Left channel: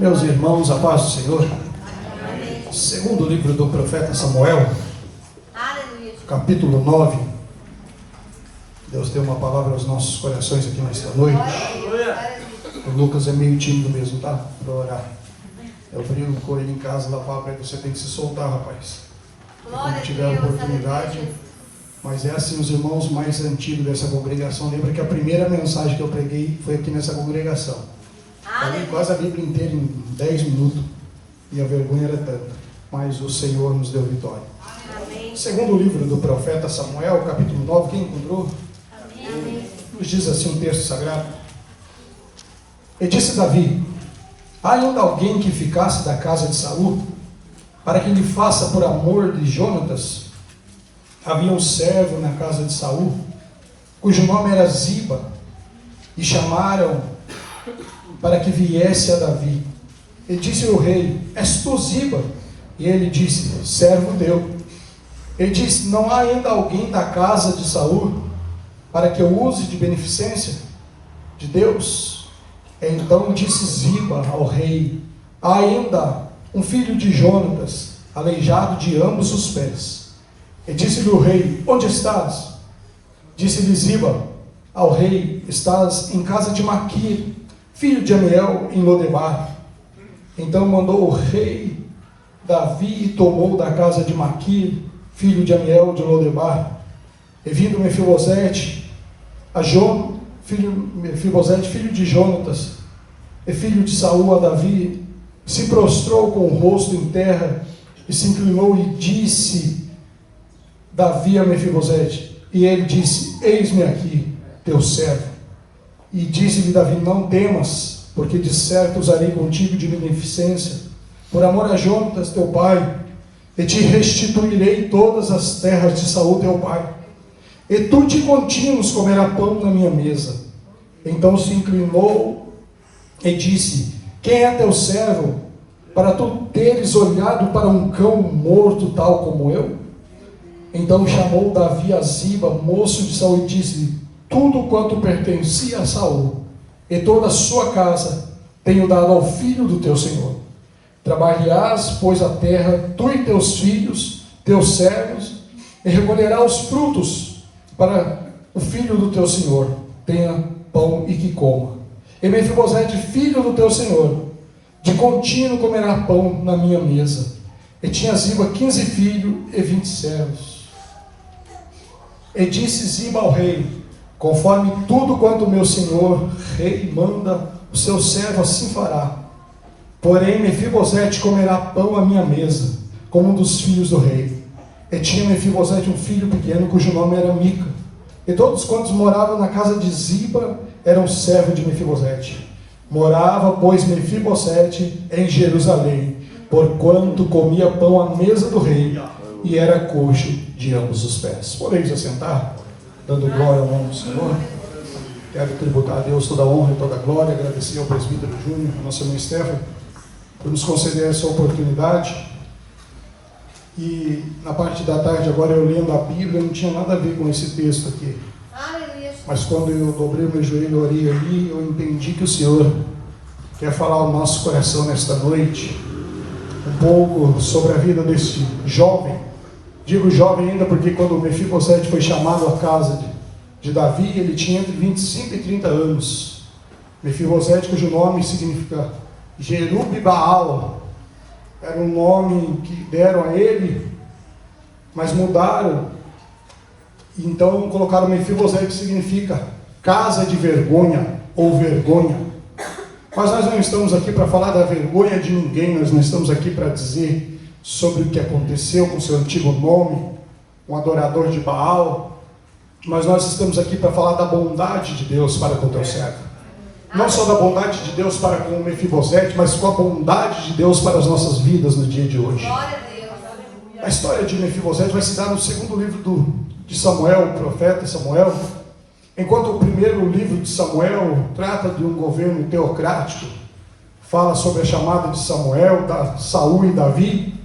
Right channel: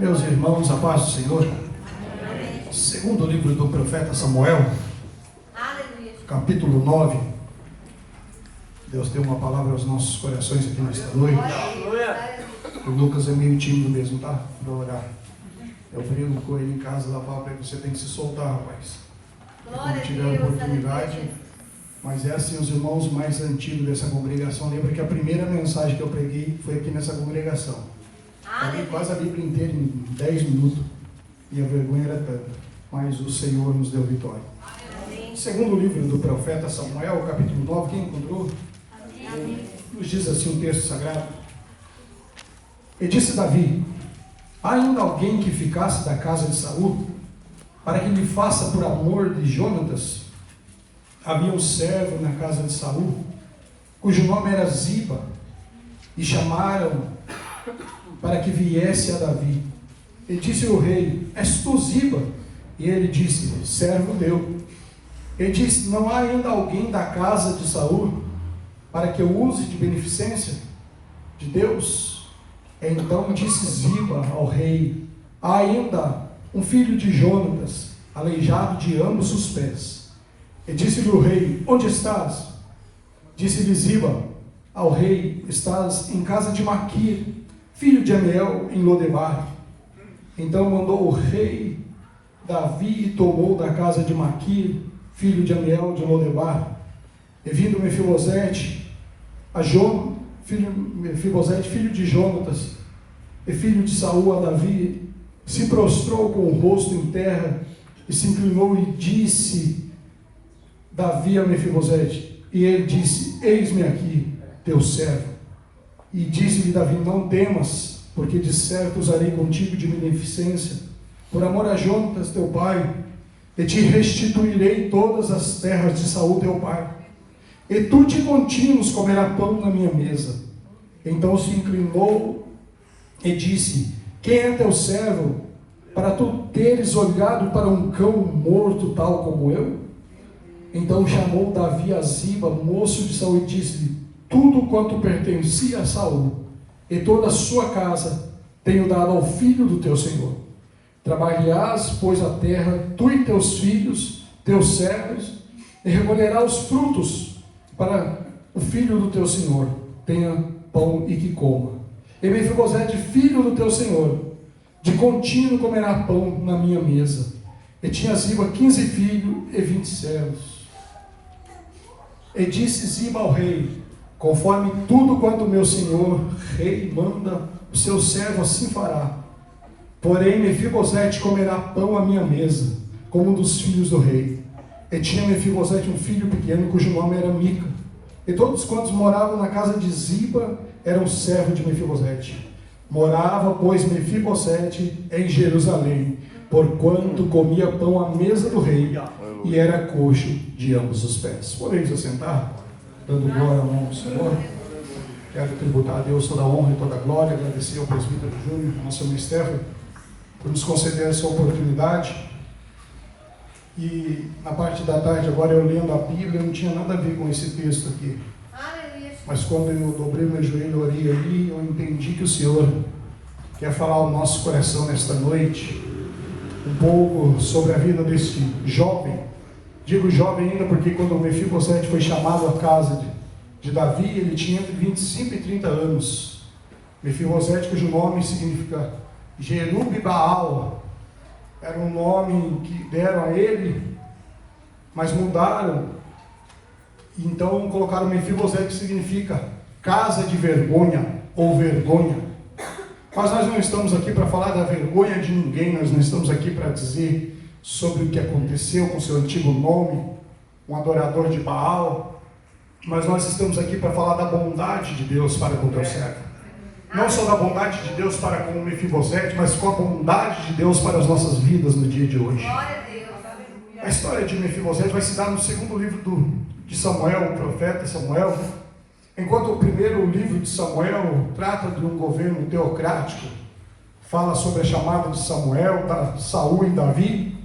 Meus irmãos, a paz do Senhor. Segundo livro do profeta Samuel, capítulo 9. Deus tem uma palavra aos nossos corações aqui nesta noite. O Lucas é meio tímido mesmo, tá? Para orar. Eu brinco com ele em casa, lá fala para ele: você tem que se soltar, rapaz. Quando tiver a oportunidade. Mas é assim, os irmãos mais antigos dessa congregação lembram que a primeira mensagem que eu preguei foi aqui nessa congregação. Eu li quase a Bíblia inteira em 10 minutos. E a vergonha era tanta. Mas o Senhor nos deu vitória. Amém. Segundo o livro do profeta Samuel, capítulo 9, quem encontrou? Amém. Nos diz assim um texto sagrado. E disse Davi: há ainda alguém que ficasse da casa de Saul, para que lhe faça por amor de Jonatas? Havia um servo na casa de Saul, cujo nome era Ziba, e chamaram para que viesse a Davi. E disse o rei: és tu Ziba? E ele disse: servo teu. Ele disse: não há ainda alguém da casa de Saul, para que eu use de beneficência de Deus? Então disse Ziba ao rei: há ainda um filho de Jonatas, aleijado de ambos os pés. E disse-lhe o rei: onde estás? Disse-lhe Ziba ao rei: estás em casa de Maquir, filho de Amiel, em Lodebar. Então mandou o rei Davi e tomou da casa de Maquir, filho de Amiel, de Lodebar. E vindo Mefibosete, Mefibosete, filho de Jonatas, e filho de Saul, a Davi, se prostrou com o rosto em terra, e se inclinou e disse Davi a Mefibosete, e ele disse: eis-me aqui, teu servo. E disse-lhe Davi: não temas, porque de certo usarei contigo de beneficência, por amor a Jonatas teu pai, e te restituirei todas as terras de Saul teu pai, e tu de contínuos comerás pão na minha mesa. Então se inclinou e disse: quem é teu servo, para tu teres olhado para um cão morto tal como eu? Então chamou Davi a Ziba, moço de Saul, e disse-lhe: tudo quanto pertencia a Saul e toda a sua casa tenho dado ao filho do teu senhor. Trabalharás, pois, a terra, tu e teus filhos, teus servos, e recolherás os frutos para o filho do teu senhor tenha pão e que coma. E Mefibosete, filho do teu senhor, de contínuo comerá pão na minha mesa. E tinha Ziba 15 filhos e 20 servos. E disse Ziba ao rei: conforme tudo quanto meu senhor rei manda, o seu servo assim fará. Porém Mefibosete comerá pão à minha mesa, como um dos filhos do rei. E tinha Mefibosete um filho pequeno, cujo nome era Mica. E todos quantos moravam na casa de Ziba eram servos de Mefibosete. Morava, pois, Mefibosete em Jerusalém, porquanto comia pão à mesa do rei, e era coxo de ambos os pés. Podemos assentar, dando glória ao nome do Senhor. Quero tributar a Deus toda a honra e toda a glória, agradecer ao presbítero Júnior, ao nosso irmão Estevão, por nos conceder essa oportunidade. E na parte da tarde, agora eu lendo a Bíblia, não tinha nada a ver com esse texto aqui. Mas quando eu dobrei o meu joelho e orei ali, eu entendi que o Senhor quer falar ao nosso coração nesta noite um pouco sobre a vida desse jovem. Digo jovem ainda porque quando Mefibosete foi chamado à casa de Davi, ele tinha entre 25 e 30 anos. Mefibosete, cujo nome significa Jerub-Baal, era um nome que deram a ele, mas mudaram. Então colocaram Mefibosete, que significa casa de vergonha ou vergonha. Mas nós não estamos aqui para falar da vergonha de ninguém, nós não estamos aqui para dizer sobre o que aconteceu com seu antigo nome, um adorador de Baal, mas nós estamos aqui para falar da bondade de Deus para com o teu servo. Não só da bondade de Deus para com o Mefibosete, mas com a bondade de Deus para as nossas vidas no dia de hoje. A história de Mefibosete vai se dar no segundo livro de Samuel, o profeta Samuel. Enquanto o primeiro livro de Samuel trata de um governo teocrático, fala sobre a chamada de Samuel, da Saul e Davi,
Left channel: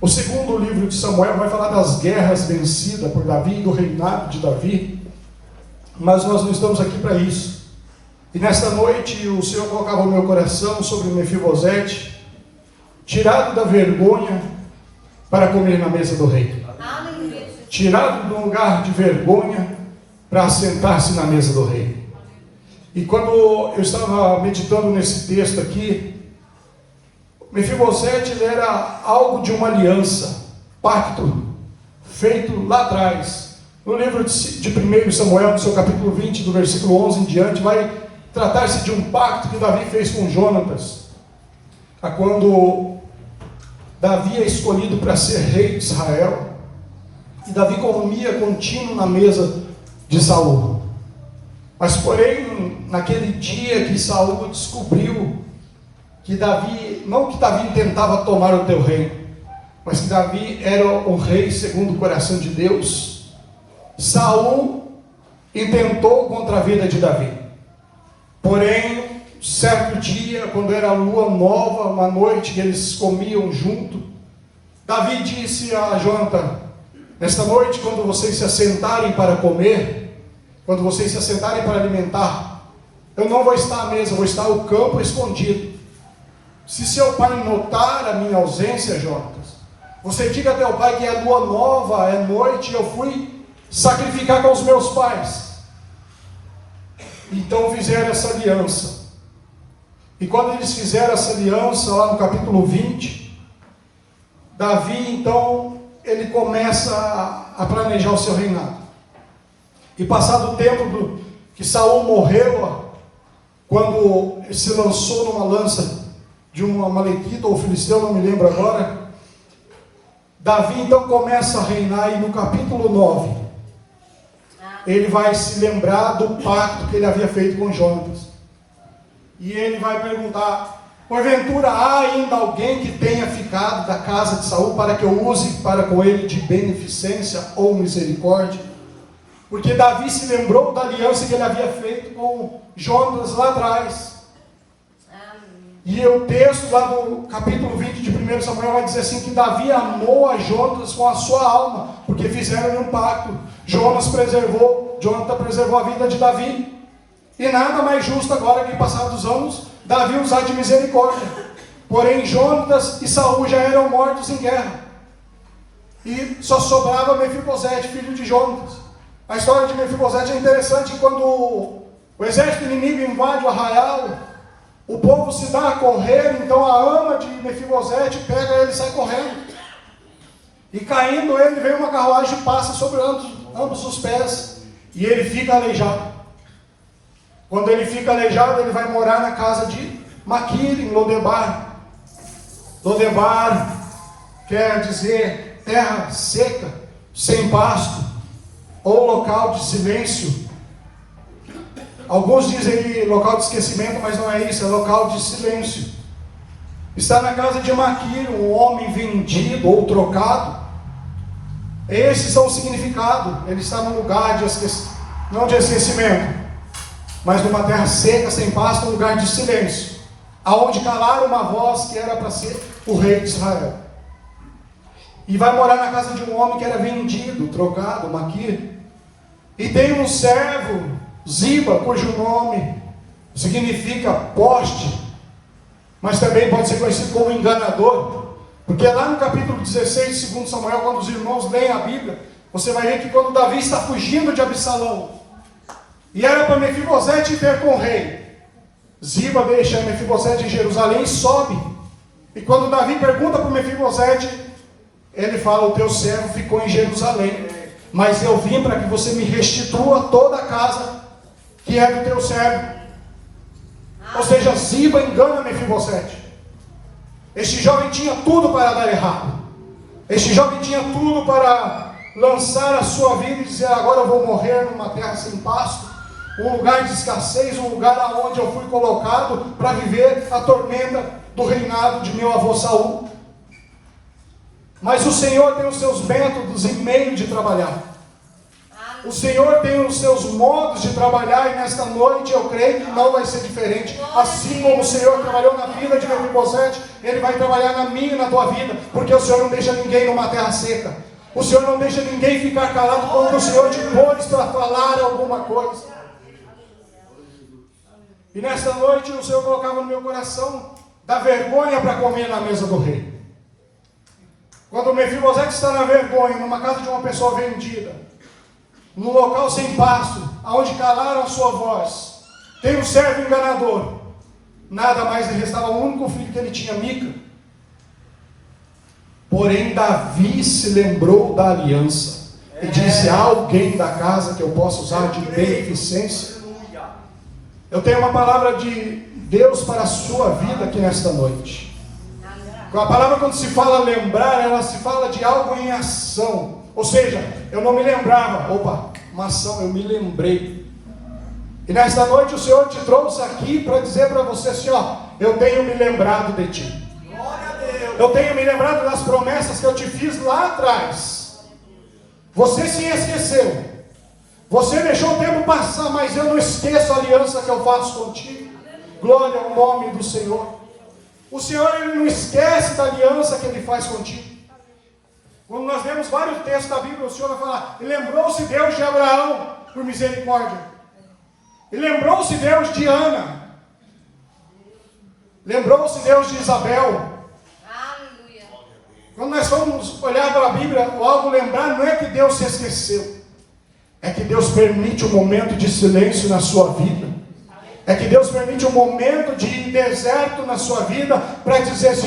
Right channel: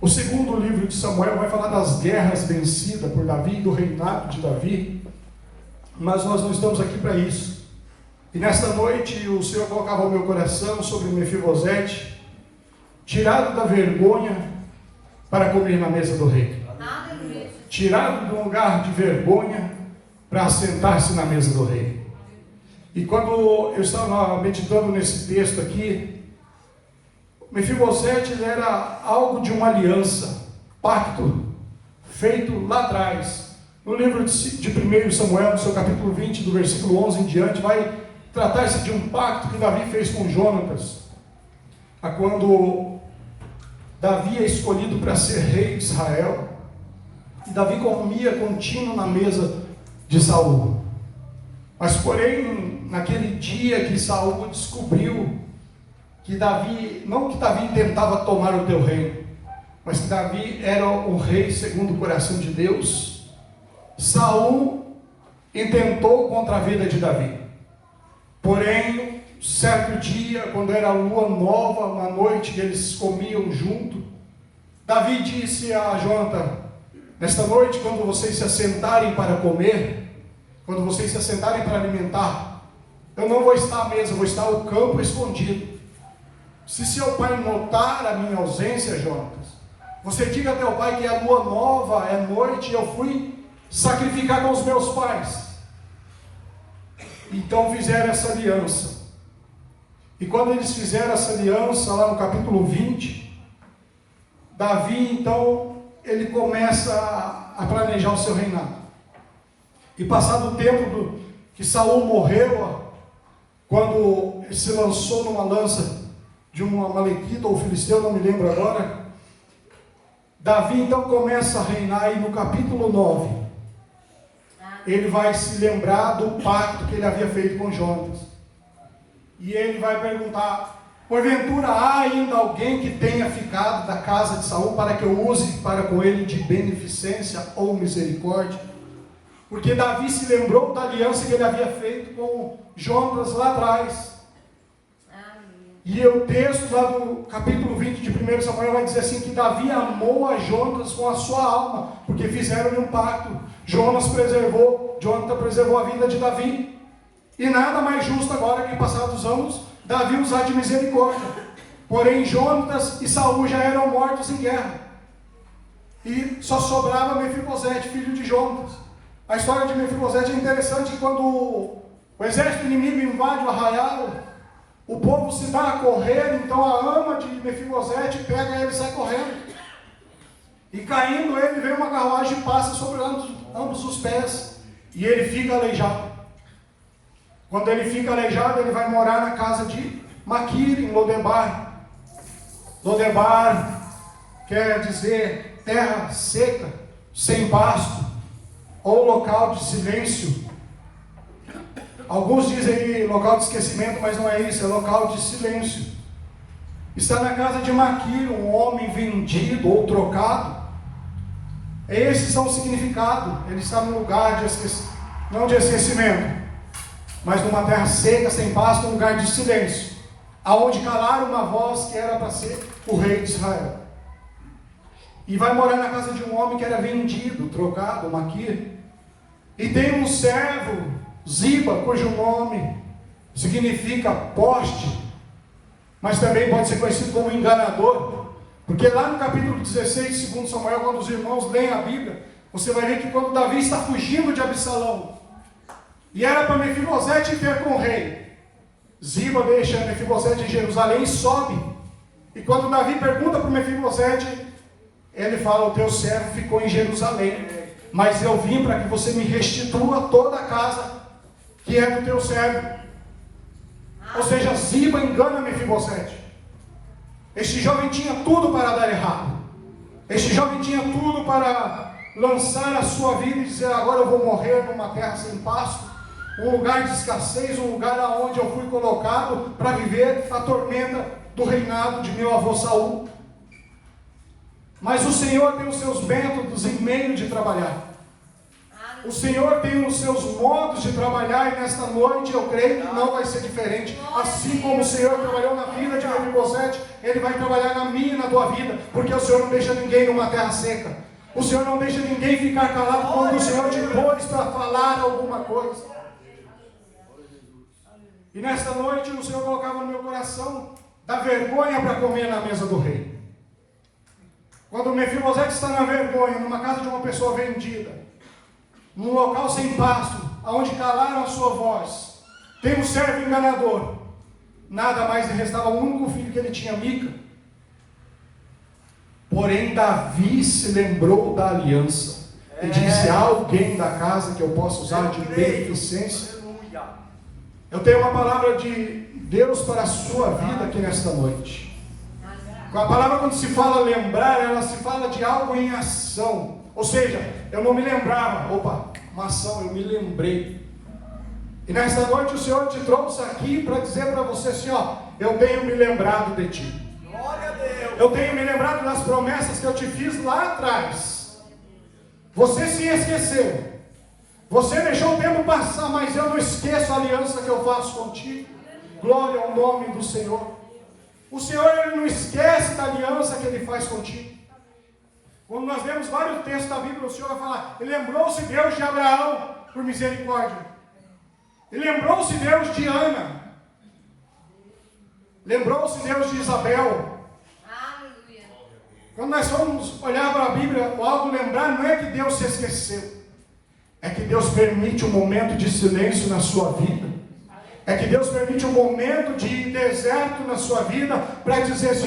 o segundo livro de Samuel vai falar das guerras vencidas por Davi e do reinado de Davi. Mas nós não estamos aqui para isso. E nesta noite o Senhor colocava o meu coração sobre Mefibosete, tirado da vergonha para comer na mesa do rei. Tirado do lugar de vergonha para sentar-se na mesa do rei. E quando eu estava meditando nesse texto aqui, Mefibosete, ele era algo de uma aliança, pacto, feito lá atrás. No livro de 1 Samuel, no seu capítulo 20, do versículo 11 em diante, vai tratar-se de um pacto que Davi fez com Jonatas, a quando Davi é escolhido para ser rei de Israel, e Davi comia contínuo na mesa de Saul. Mas porém, naquele dia que Saul descobriu que Davi, não que Davi tentava tomar o teu reino, mas que Davi era o rei segundo o coração de Deus, Saul intentou contra a vida de Davi. Porém, certo dia, quando era lua nova, uma noite que eles comiam junto, Davi disse a Jonatã: nesta noite, quando vocês se assentarem para comer, quando vocês se assentarem para alimentar, eu não vou estar à mesa, eu vou estar no campo escondido. Se seu pai notar a minha ausência, Jonatas, você diga a teu pai que é lua nova, é noite, eu fui sacrificar com os meus pais. Então fizeram essa aliança. E quando eles fizeram essa aliança, lá no capítulo 20, Davi, então, ele começa a planejar o seu reinado. E passado o tempo que Saul morreu, quando ele se lançou numa lança de um amalekita ou filisteu, não me lembro agora, Davi então começa a reinar, e no capítulo 9, ele vai se lembrar do pacto que ele havia feito com Jonatas. E ele vai perguntar: porventura há ainda alguém que tenha ficado da casa de Saul para que eu use para com ele de beneficência ou misericórdia? Porque Davi se lembrou da aliança que ele havia feito com Jonatas lá atrás. E o texto lá do capítulo 20 de 1 Samuel vai dizer assim, que Davi amou a Jonatas com a sua alma, porque fizeram um pacto. Jonathan preservou a vida de Davi. E nada mais justo agora que, passados anos, Davi usar de misericórdia. Porém, Jonatas e Saul já eram mortos em guerra. E só sobrava Mefibosete, filho de Jonatas. A história de Mefibosete é interessante. Quando o exército inimigo invade o arraial, o povo se dá a correr, então a ama de Mefibosete pega ele e sai correndo. E caindo ele, vem uma carruagem e passa sobre ambos os pés. E ele fica aleijado. Quando ele fica aleijado, ele vai morar na casa de Maquir, em Lodebar. Lodebar quer dizer terra seca, sem pasto, ou local de silêncio. Alguns dizem local de esquecimento, mas não é isso, é local de silêncio. Está na casa de Maquir, um homem vendido ou trocado. Esses são o significado. Ele está num lugar de esquecimento, não de esquecimento, mas numa terra seca, sem pasto, um lugar de silêncio, aonde calaram uma voz que era para ser o rei de Israel. E vai morar na casa de um homem que era vendido, trocado, Maquir. E tem um servo, Ziba, cujo nome significa poste, mas também pode ser conhecido como enganador, porque lá no capítulo 16 de 2 Samuel, quando os irmãos leem a Bíblia, você vai ver que quando Davi está fugindo de Absalão, e era para Mefibosete ir com o rei, Ziba deixa Mefibosete em Jerusalém e sobe. E quando Davi pergunta para Mefibosete, ele fala: o teu servo ficou em Jerusalém, mas eu vim para que você me restitua toda a casa que é do teu servo. Ou seja, Ziba engana Mefibosete. Este jovem tinha tudo para dar errado. Este jovem tinha tudo para lançar a sua vida e dizer: agora eu vou morrer numa terra sem pasto, um lugar de escassez, um lugar aonde eu fui colocado para viver a tormenta do reinado de meu avô Saul. Mas o Senhor tem os seus métodos e meios de trabalhar. O Senhor tem os seus modos de trabalhar, e nesta noite eu creio que não vai ser diferente. Assim como o Senhor trabalhou na vida de Mefibosete, Ele vai trabalhar na minha e na tua vida, porque o Senhor não deixa ninguém numa terra seca. O Senhor não deixa ninguém ficar calado quando o Senhor te pôs para falar alguma coisa. E nesta noite o Senhor colocava no meu coração da vergonha para comer na mesa do rei. Quando o Mefibosete está na vergonha, numa casa de uma pessoa vendida, num local sem pasto, aonde calaram a sua voz, tem um servo enganador, nada mais lhe restava o único filho que ele tinha, Mica. Porém Davi se lembrou da aliança e disse: há alguém da casa que eu possa usar de beneficência? Eu tenho uma palavra de Deus para a sua vida aqui nesta noite. A palavra, quando se fala lembrar, ela se fala de algo em ação. Ou seja, eu não me lembrava, uma ação, eu me lembrei. E nesta noite o Senhor te trouxe aqui para dizer para você assim: eu tenho me lembrado de ti. Eu tenho me lembrado das promessas que eu te fiz lá atrás. Você se esqueceu. Você deixou o tempo passar, mas eu não esqueço a aliança que eu faço contigo. Glória ao nome do Senhor. O Senhor, Ele não esquece da aliança que Ele faz contigo. Quando nós lemos vários textos da Bíblia, o Senhor vai falar: e lembrou-se Deus de Abraão por misericórdia. E lembrou-se Deus de Ana. Lembrou-se Deus de Isabel. Quando nós vamos olhar para a Bíblia, logo lembrar, não é que Deus se esqueceu. É que Deus permite um momento de silêncio na sua vida. É que Deus permite um momento de deserto na sua vida para dizer assim:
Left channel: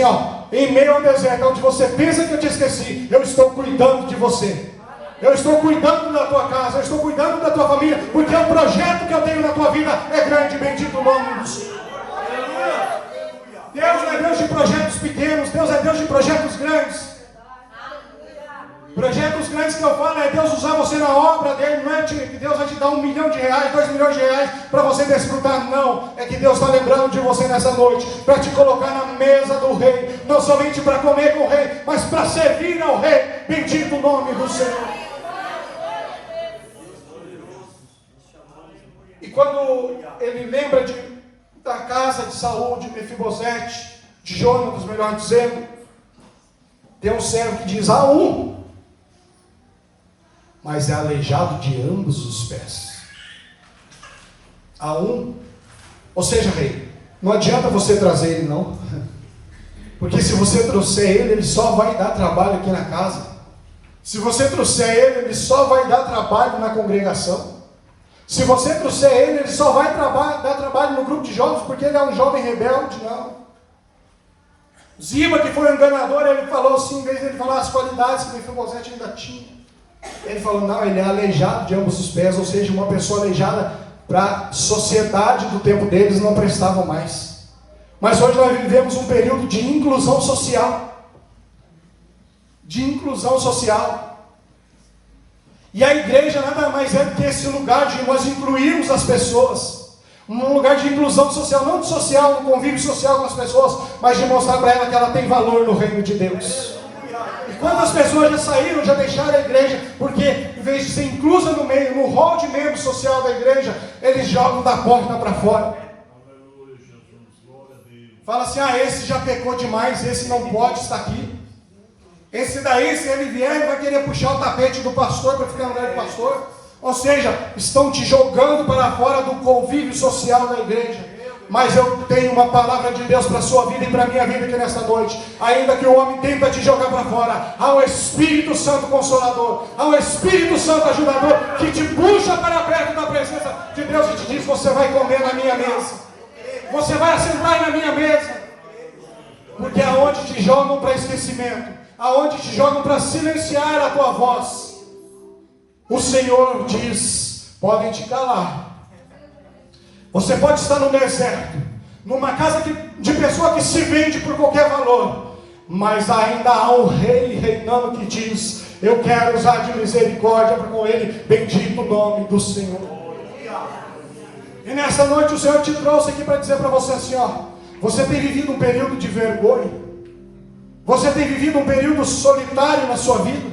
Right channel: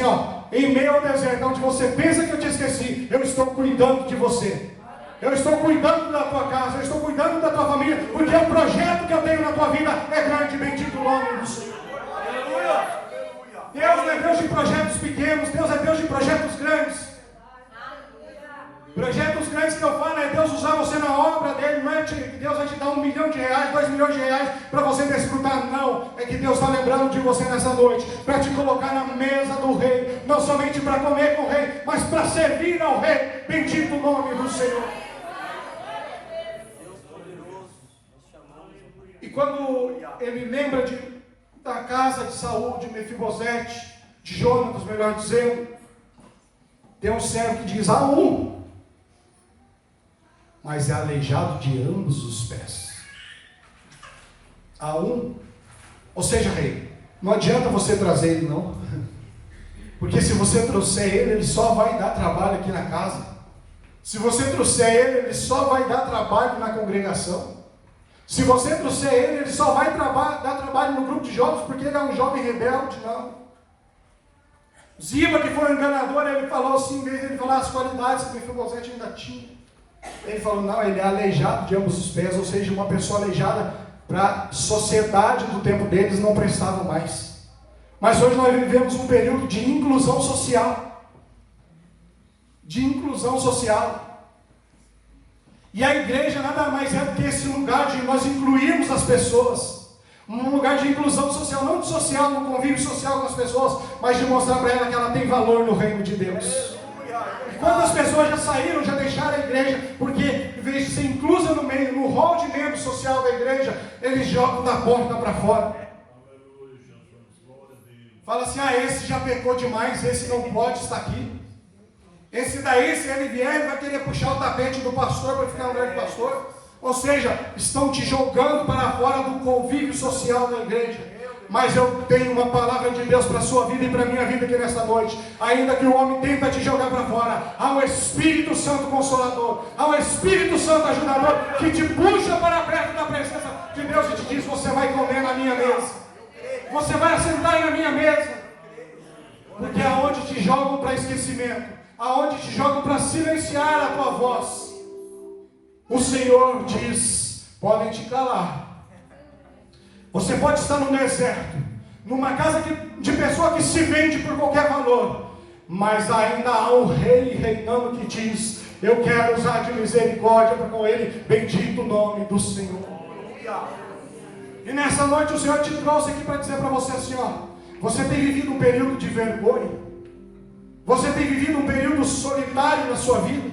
em meio ao deserto, onde você pensa que eu te esqueci, eu estou cuidando de você. Eu estou cuidando da tua casa, eu estou cuidando da tua família, porque o projeto que eu tenho na tua vida é grande, bendito o nome do Senhor. Deus não é Deus de projetos pequenos, Deus é Deus de projetos grandes. Projetos grandes que eu falo é Deus usar você na obra dele. Não é que Deus vai te dar R$1 milhão, R$2 milhões para você desfrutar, não. É que Deus está lembrando de você nessa noite para te colocar na mesa do rei, não somente para comer com o rei, mas para servir ao rei. Bendito o nome do Senhor. E quando ele lembra da casa de Saul, de Mefibosete, de Jonatas, melhor dizendo, tem um servo que diz: há um, mas é aleijado de ambos os pés. Há um, ou seja, rei, não adianta você trazer ele, não, porque se você trouxer ele só vai dar trabalho aqui na casa. Se você trouxer ele só vai dar trabalho na congregação. Se você trouxer ele só vai dar trabalho no grupo de jovens, porque ele é um jovem rebelde, não. Ziba, que foi um enganador, ele falou assim, em vez de ele falar as qualidades que Mefibosete ainda tinha, ele falou: não, ele é aleijado de ambos os pés, ou seja, uma pessoa aleijada para a sociedade do tempo deles não prestava mais. Mas hoje nós vivemos um período de inclusão social. De inclusão social. E a igreja nada mais é do que esse lugar de nós incluirmos as pessoas. Um lugar de inclusão social, não de social, no convívio social com as pessoas, mas de mostrar para ela que ela tem valor no reino de Deus. E quando as pessoas já saíram, já deixaram a igreja, porque em vez de ser inclusa no meio, no rol de membro social da igreja, eles jogam da porta para fora. Fala assim: esse já pecou demais, esse não pode estar aqui. Esse daí, se ele vier, ele vai querer puxar o tapete do pastor para ficar no lugar de pastor. Ou seja, estão te jogando para fora do convívio social da igreja. Mas eu tenho uma palavra de Deus para a sua vida e para a minha vida aqui nesta noite. Ainda que o homem tente te jogar para fora, há um Espírito Santo Consolador, há um Espírito Santo Ajudador que te puxa para perto da presença de Deus e te diz: você vai comer na minha mesa, você vai assentar na minha mesa. Porque aonde te jogam para esquecimento, aonde te jogam para silenciar a tua voz, o Senhor diz: podem te calar. Você pode estar no deserto, numa casa de pessoa que se vende por qualquer valor, mas ainda há um rei reinando que diz: eu quero usar de misericórdia para com ele. Bendito o nome do Senhor. E nessa noite o Senhor te trouxe aqui para dizer para você assim: você tem vivido um período de vergonha. Você tem vivido um período solitário na sua vida.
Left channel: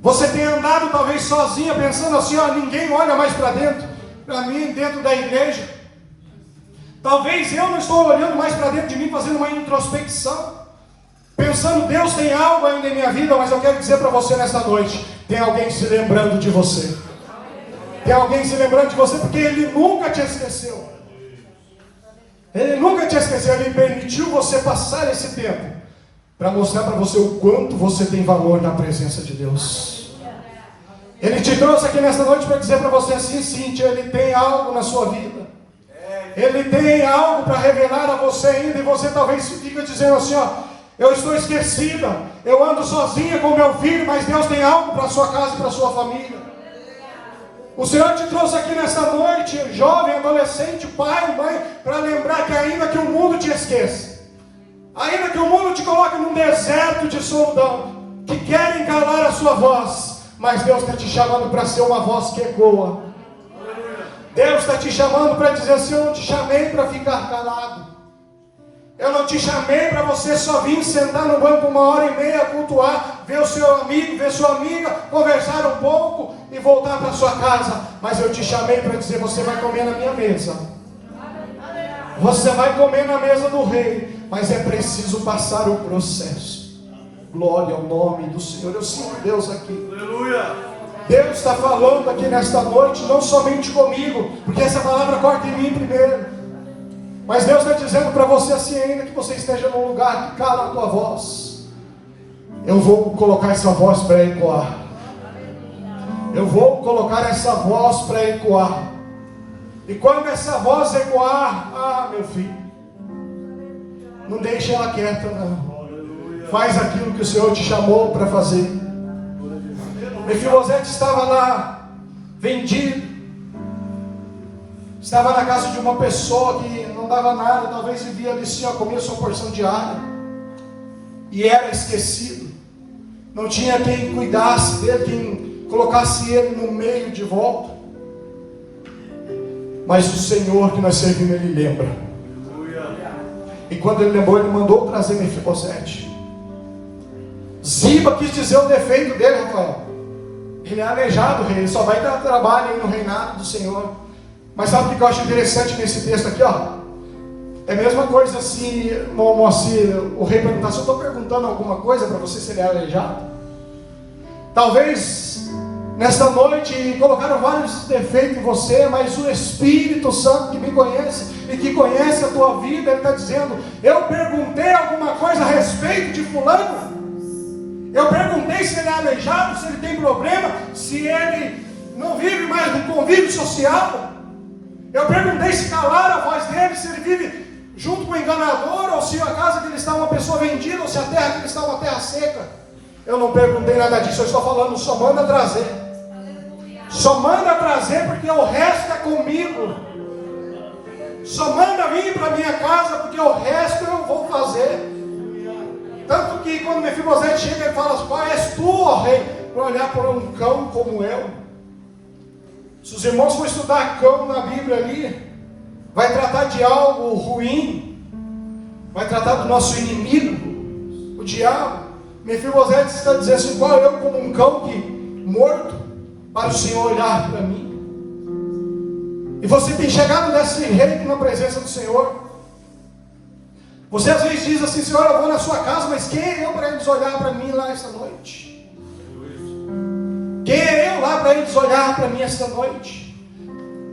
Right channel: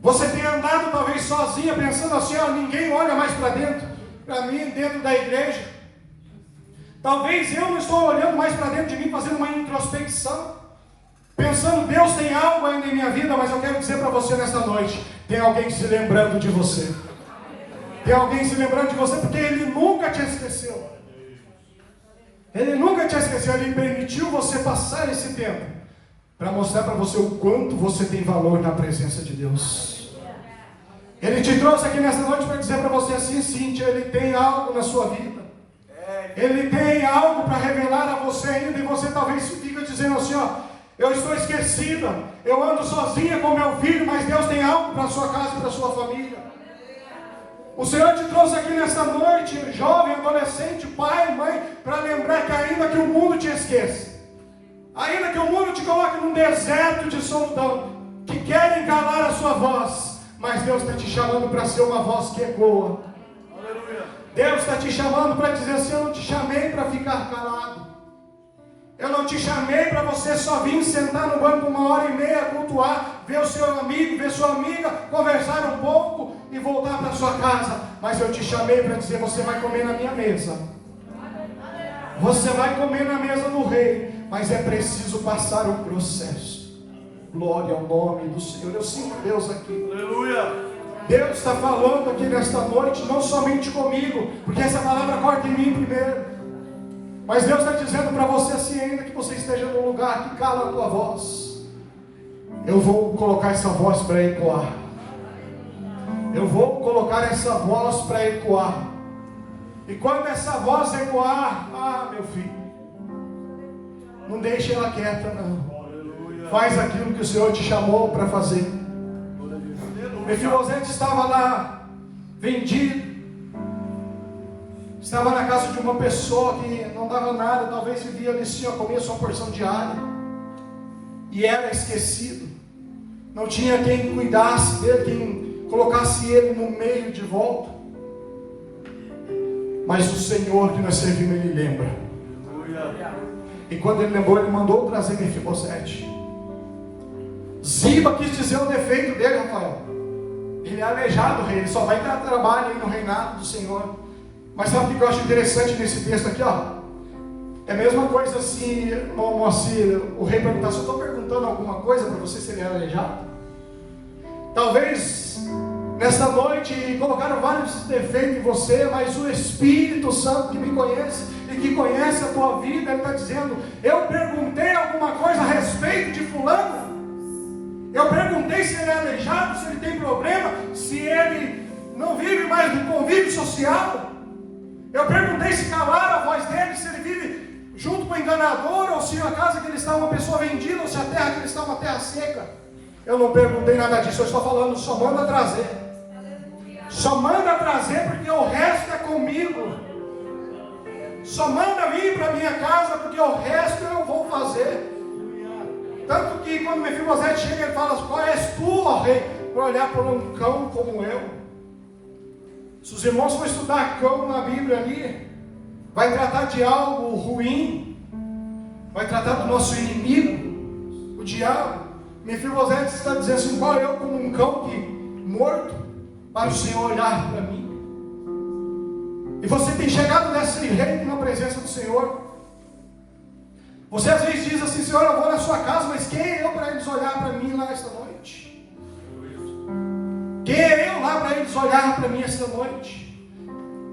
Você tem andado talvez sozinha, pensando assim: ninguém olha mais para dentro, para mim, dentro da igreja. Talvez eu não estou olhando mais para dentro de mim, fazendo uma introspecção, pensando: Deus tem algo ainda em minha vida. Mas eu quero dizer para você nesta noite: tem alguém se lembrando de você. Tem alguém se lembrando de você, porque Ele nunca te esqueceu. Ele nunca te esqueceu, Ele permitiu você passar esse tempo para mostrar para você o quanto você tem valor na presença de Deus. Ele te trouxe aqui nessa noite para dizer para você assim, Cíntia, Ele tem algo na sua vida. Ele tem algo para revelar a você ainda, e você talvez fique dizendo assim, ó, eu estou esquecida, eu ando sozinha com meu filho, mas Deus tem algo para a sua casa e para a sua família. O Senhor te trouxe aqui nessa noite, jovem, adolescente, pai, mãe, para lembrar que ainda que o mundo te esqueça, ainda que o mundo te coloque num deserto de solidão, que querem calar a sua voz, mas Deus está te chamando para ser uma voz que ecoa. Deus está te chamando para dizer assim, eu não te chamei para ficar calado. Eu não te chamei para você só vir sentar no banco 1h30, cultuar, ver o seu amigo, ver sua amiga, conversar um pouco e voltar para sua casa. Mas eu te chamei para dizer, você vai comer na minha mesa. Você vai comer na mesa do rei, mas é preciso passar o processo. Glória ao nome do Senhor. Eu sinto Deus aqui. Aleluia. Deus está falando aqui nesta noite, não somente comigo, porque essa palavra corta em mim primeiro, mas Deus está dizendo para você assim, ainda que você esteja num lugar que cala a tua voz, eu vou colocar essa voz para ecoar. Eu vou colocar essa voz para ecoar. E quando essa voz ecoar, meu filho, não deixe ela quieta não. Faz aquilo que o Senhor te chamou para fazer. Mefibosete estava lá, vendido, estava na casa de uma pessoa que não dava nada, talvez vivia ali sim a comer sua porção diária, e era esquecido, não tinha quem cuidasse dele, quem colocasse ele no meio de volta, mas o Senhor que nós servimos, Ele lembra, e quando Ele lembrou, Ele mandou trazer Mefibosete. Ziba quis dizer o defeito dele, Rafael. Ele é aleijado, rei, ele só vai dar trabalho no reinado do Senhor. Mas sabe o que eu acho interessante nesse texto aqui, ó? É a mesma coisa assim, o rei perguntar, se eu estou perguntando alguma coisa para você, se ele é aleijado. Talvez, nesta noite, colocaram vários defeitos em você, mas o Espírito Santo que me conhece e que conhece a tua vida, Ele está dizendo, eu perguntei alguma coisa a respeito de fulano? Eu perguntei se ele é aleijado, se ele tem problema, se ele não vive mais no convívio social. Eu perguntei se calaram a voz dele, se ele vive junto com o enganador, ou se a casa que ele está é uma pessoa vendida, ou se a terra que ele está é uma terra seca. Eu não perguntei nada disso, eu estou falando, só manda trazer. Só manda trazer, porque o resto é comigo. Só manda vir para a minha casa, porque o resto eu vou fazer. Tanto que quando Mefibosete chega, ele fala, qual és tu, ó rei, para olhar para um cão como eu? Se os irmãos for estudar cão na Bíblia ali, vai tratar de algo ruim, vai tratar do nosso inimigo, o diabo. Mefibosete está dizendo assim, qual eu como um cão que morto, para o Senhor olhar para mim? E você tem chegado nesse reino na presença do Senhor. Você às vezes diz assim, Senhor, eu vou na sua casa, mas quem é eu para eles olhar para mim lá esta noite? Quem é eu lá para eles olhar para mim esta noite?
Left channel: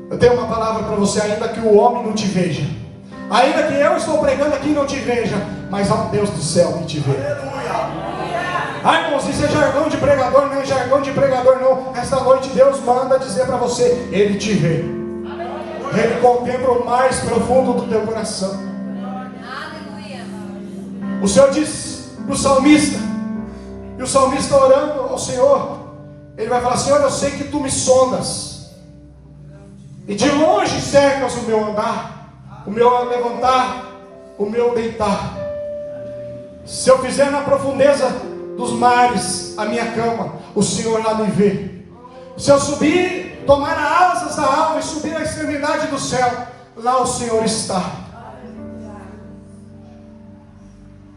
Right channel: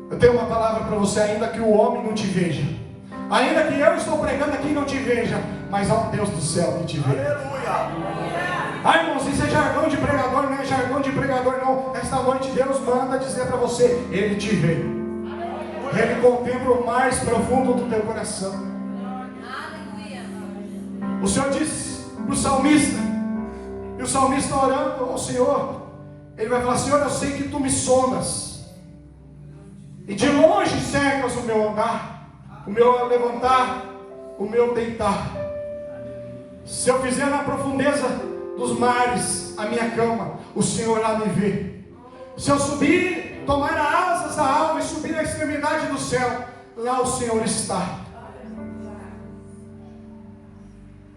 Eu tenho uma palavra para você, ainda que o homem não te veja, ainda que eu estou pregando aqui e não te veja, mas há um Deus do céu que te vê. Ai, irmãos, isso é jargão de pregador, não é jargão de pregador não. Esta noite Deus manda dizer para você, Ele te vê. Ele contempla o mais profundo do teu coração. O Senhor diz para o salmista, e o salmista orando ao Senhor, ele vai falar, Senhor, eu sei que Tu me sondas, e de longe cercas o meu andar, o meu levantar, o meu deitar. Se eu fizer na profundeza dos mares a minha cama, o Senhor lá me vê. Se eu subir, tomar asas da alma e subir à extremidade do céu, lá o Senhor está.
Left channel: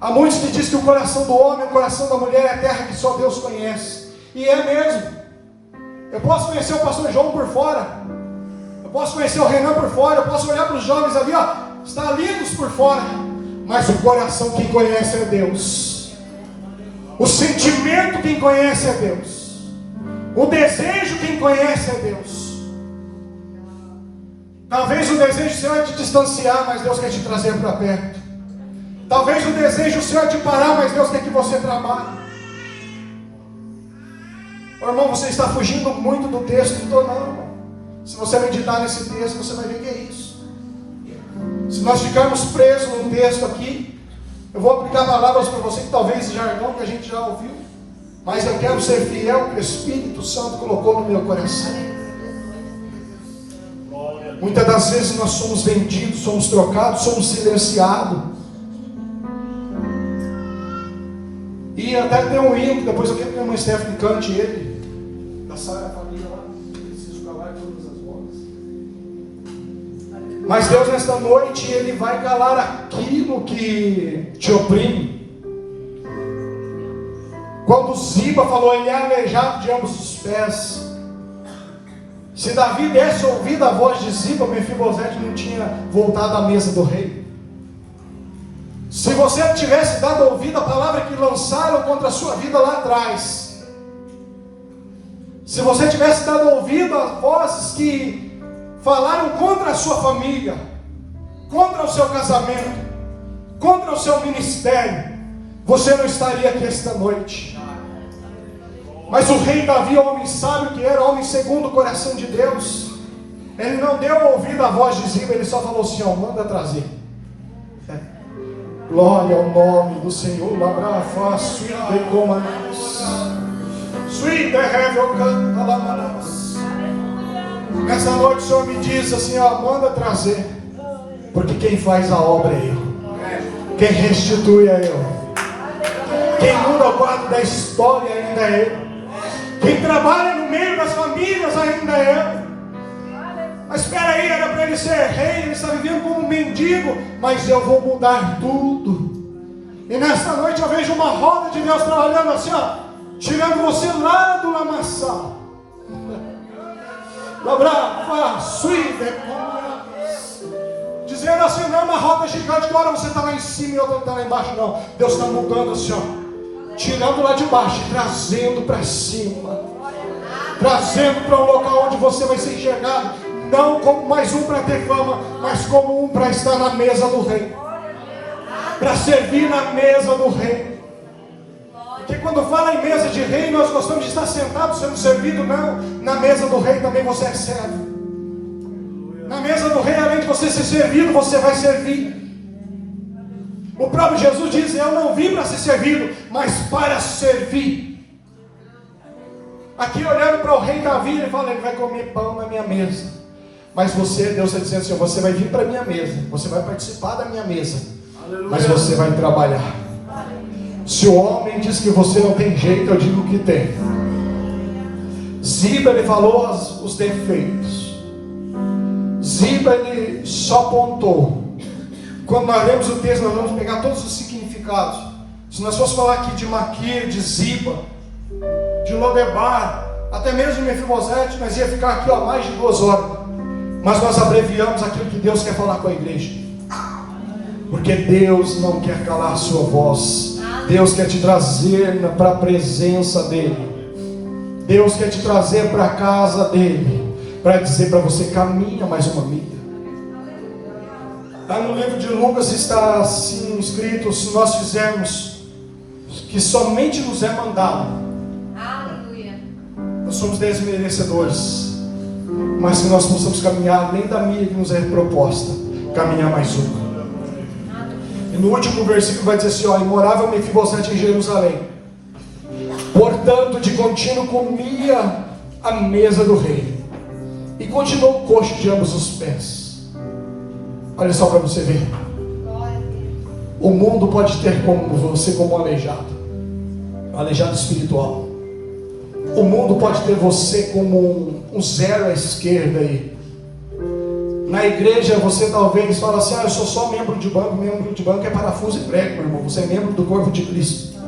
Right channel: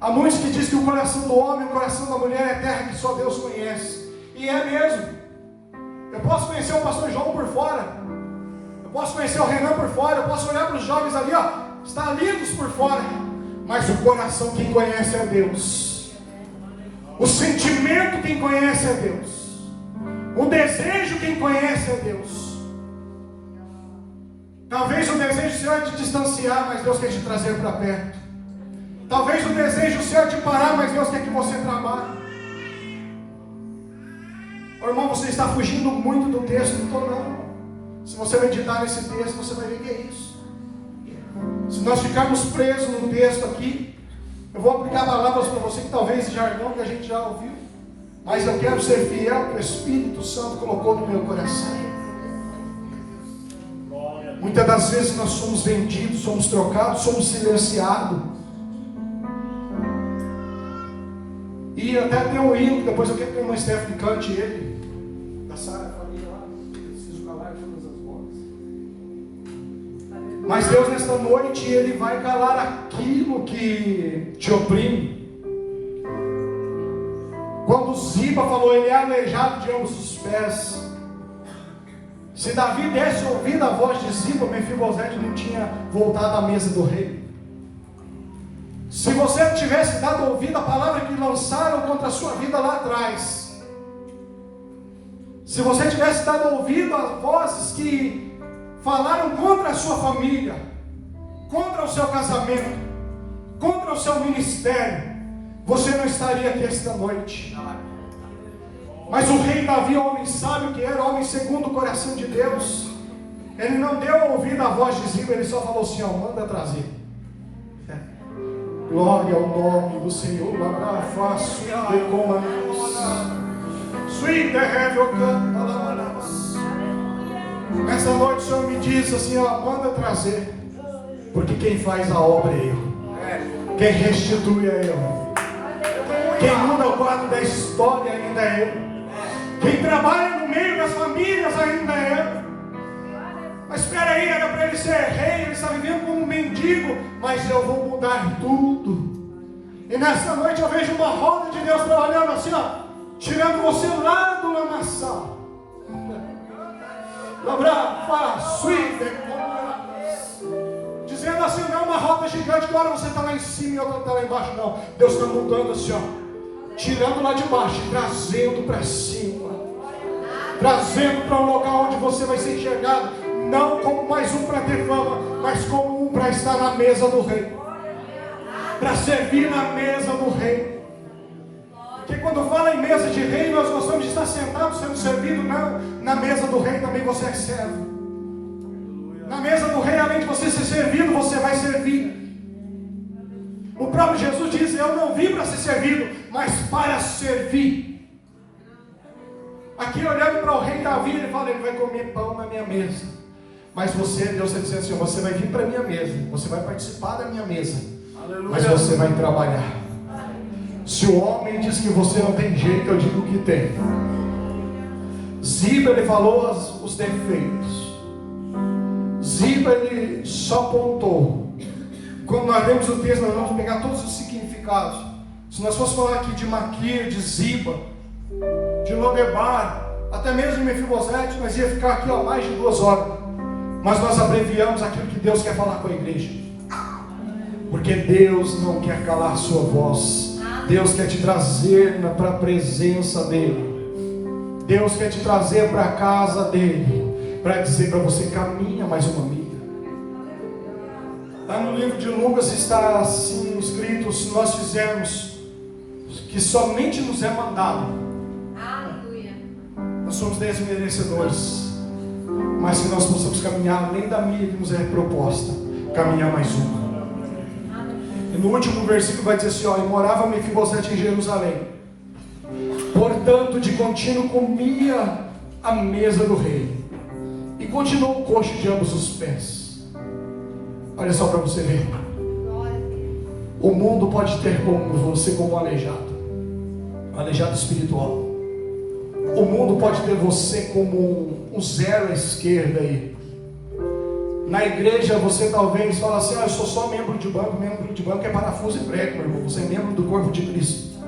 Há muitos que dizem que o coração do homem, o coração da mulher é a terra que só Deus conhece. E é mesmo. Eu posso conhecer o pastor João por fora. Eu posso conhecer o Renan por fora. Eu posso olhar para os jovens ali, ó, está lindos por fora. Mas o coração quem conhece é Deus. O sentimento quem conhece é Deus. O desejo quem conhece é Deus. Talvez o desejo seu é te distanciar, mas Deus quer te trazer para perto. Talvez o desejo seu é te parar, mas Deus quer que você trabalhe. Ô, irmão, você está fugindo muito do texto, não, irmão. Se você meditar nesse texto, você vai ver que é isso. Se nós ficarmos presos num texto aqui, eu vou aplicar palavras para você que talvez esse jargão que a gente já ouviu, mas eu quero ser fiel que o Espírito Santo colocou no meu coração. Muitas das vezes nós somos vendidos, somos trocados, somos silenciados. E até tem um hino, depois eu quero que a irmã Stephanie cante ele, da Sara Família lá, preciso calar todas as vozes. Mas Deus nesta noite, Ele vai calar aquilo que te oprime. Quando Ziba falou, ele é aleijado de ambos os pés. Se Davi desse ouvido à voz de Ziba, Mefibosete não tinha voltado à mesa do rei. Se você tivesse dado ouvido à palavra que lançaram contra a sua vida lá atrás, se você tivesse dado ouvido às vozes que falaram contra a sua família, contra o seu casamento, contra o seu ministério, você não estaria aqui esta noite. Mas o rei Davi, homem sábio que era, homem segundo o coração de Deus, ele não deu ouvido à voz de Ziba, ele só falou assim, ó, manda trazer. Glória ao nome do Senhor. Nessa noite o Senhor me diz assim, ó, manda trazer, porque quem faz a obra é eu, quem restitui é eu, quem muda o quadro da história ainda é eu, quem trabalha no meio das famílias ainda é eu. Mas espera aí, era para ele ser rei, ele está vivendo como um mendigo, mas eu vou mudar tudo. E nesta noite eu vejo uma roda de Deus trabalhando assim, ó, tirando você lá do lamaçal. Dizendo assim, não é uma roda gigante, agora você está lá em cima e eu estou lá embaixo, não. Deus está mudando assim, ó, tirando lá de baixo e trazendo para cima, trazendo para um local onde você vai ser enxergado, não como mais um para ter fama, mas como um para estar na mesa do rei, para servir na mesa do rei. Porque quando fala em mesa de rei, nós gostamos de estar sentados sendo servido, não. Na mesa do rei também você é servo. Na mesa do rei, além de você ser servido, você vai servir. O próprio Jesus diz, eu não vim para ser servido, mas para servir. Aqui olhando para o rei Davi, ele fala, ele vai comer pão na minha mesa. Mas você, Deus está dizendo assim, você vai vir para a minha mesa, você vai participar da minha mesa, mas você vai trabalhar. Se o homem diz que você não tem jeito, eu digo que tem. Ziba, ele falou os defeitos. Ziba, ele só apontou. Quando nós lemos o texto, nós vamos pegar todos os significados. Se nós fossemos falar aqui de Maquir, de Ziba, de Lodebar, até mesmo de Mefibosete, nós ia ficar aqui ó, mais de 2 horas. Mas nós abreviamos aquilo que Deus quer falar com a igreja. Porque Deus não quer calar a sua voz. Deus quer te trazer para a presença dEle. Deus quer te trazer para a casa dEle, para dizer para você, caminha mais uma milha. Lá no livro de Lucas está assim escrito, se nós fizermos que somente nos é mandado, nós somos desmerecedores. Mas se nós possamos caminhar além da milha que nos é proposta, caminhar mais uma. E no último versículo vai dizer assim, ó, e morava Mefibosete em Jerusalém. Portanto, de contínuo comia a mesa do rei. E continuou coxo de ambos os pés. Olha só para você ver. O mundo pode ter como você como um aleijado espiritual. O mundo pode ter você como um zero à esquerda aí. Na igreja você talvez fala assim, eu sou só membro de banco é parafuso e prego, meu irmão. Você é membro do corpo de Cristo.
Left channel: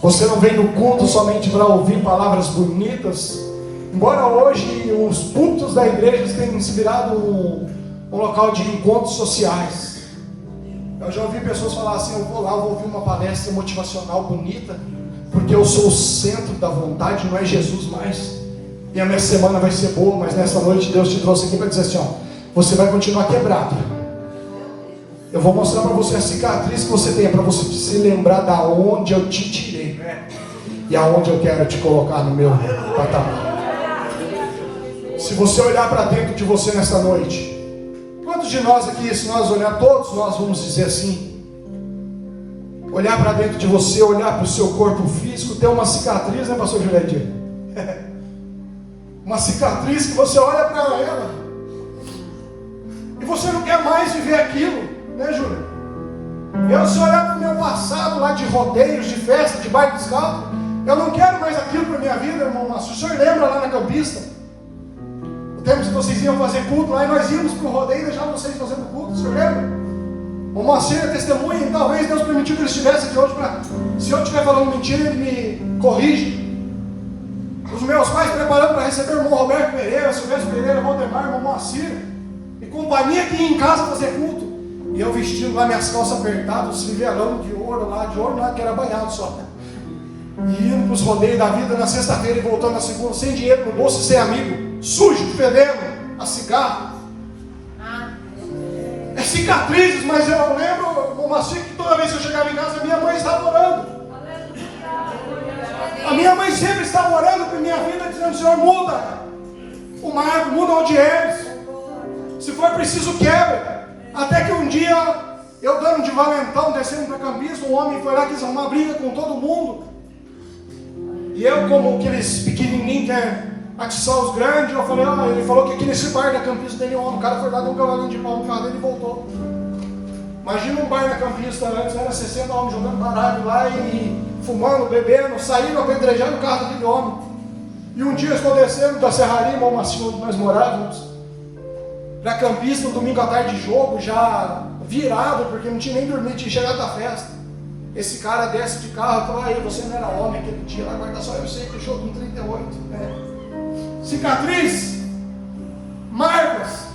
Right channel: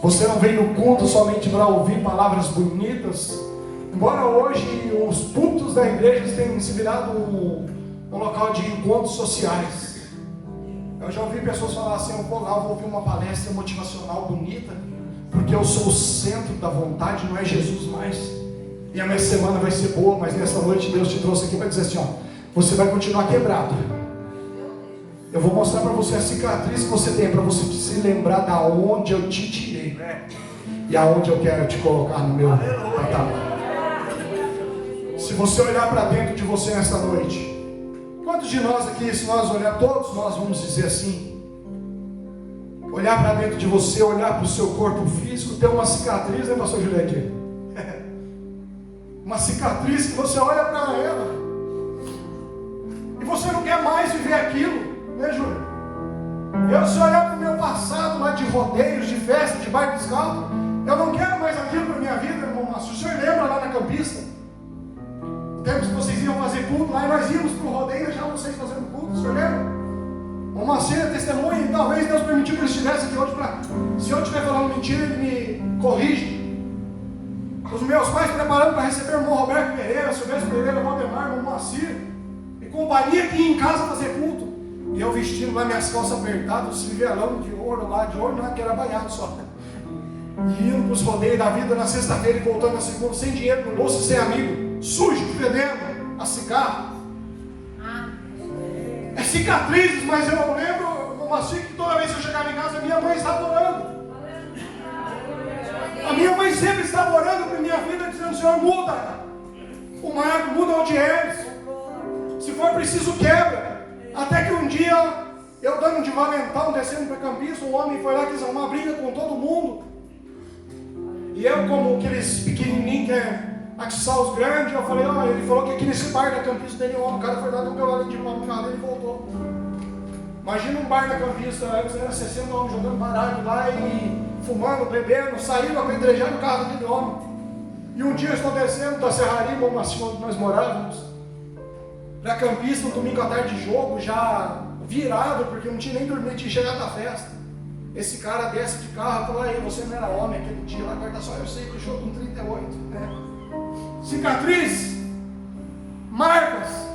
Você não vem no culto somente para ouvir palavras bonitas. Embora hoje os púlpitos da igreja tenham se virado um local de encontros sociais. Eu já ouvi pessoas falar assim, eu vou lá, eu vou ouvir uma palestra motivacional bonita, porque eu sou o centro da vontade, não é Jesus mais. E a minha semana vai ser boa, mas nessa noite Deus te trouxe aqui para dizer assim, ó, você vai continuar quebrado. Eu vou mostrar para você a cicatriz que você tem, para você se lembrar da onde eu te tirei, e aonde eu quero te colocar no meu patamar. Se você olhar para dentro de você nessa noite, quantos de nós aqui, se nós olhar, todos nós vamos dizer assim, olhar para dentro de você, olhar para o seu corpo físico, ter uma cicatriz, né, pastor Juliette? Uma cicatriz que você olha para ela e você não quer mais viver aquilo, né, Júlia? Eu, se olhar para o meu passado lá de rodeios, de festa, de baile descalço, eu não quero mais aquilo para a minha vida, irmão. Mas o senhor lembra lá na Campista? O tempo que vocês iam fazer culto lá e nós íamos para o rodeio e deixar vocês fazendo culto, o senhor lembra? O Moacir é testemunha e talvez Deus permitiu que ele estivesse aqui hoje para, se eu estiver falando mentira, ele me corrige. Os meus pais preparando para receber o irmão Roberto Pereira, Silvestre Pereira, Valdemar, irmão Moacir e companhia aqui em casa fazer culto. E eu vestindo lá minhas calças apertadas, esse verão de ouro lá, que era banhado só. E indo para os rodeios da vida na sexta-feira e voltando na segunda, sem dinheiro no bolso, sem amigo, sujo, fedendo, a cigarro. É cicatrizes, mas eu lembro, irmão Moacir, que toda vez que eu chegava em casa, minha mãe estava orando. A minha mãe sempre estava orando por minha vida, dizendo, Senhor, muda o Marco, muda o Odieres. Se for preciso, quebra. Até que um dia, eu dando de valentão, descendo para Campista, um homem foi lá, quis arrumar briga com todo mundo. E eu, como aqueles pequenininhos que atiçar os grandes, eu falei, ele falou que aqui nesse bar da Campista tem um homem, o cara foi lá, deu um cavalinho de pau no carro dele e voltou. Imagina um bar na Campista, antes era 60 homens jogando baralho lá e fumando, bebendo, saindo, apedrejando o carro daquele homem. E um dia eu estou descendo da serraria, irmão Macio, onde nós morávamos, para Campista, um domingo à tarde de jogo, já virado, porque não tinha nem dormido, tinha chegado da festa. Esse cara desce de carro e falou, aí, você não era homem aquele dia lá, guarda só, eu sei, fechou com 38, né? Cicatriz, marcas,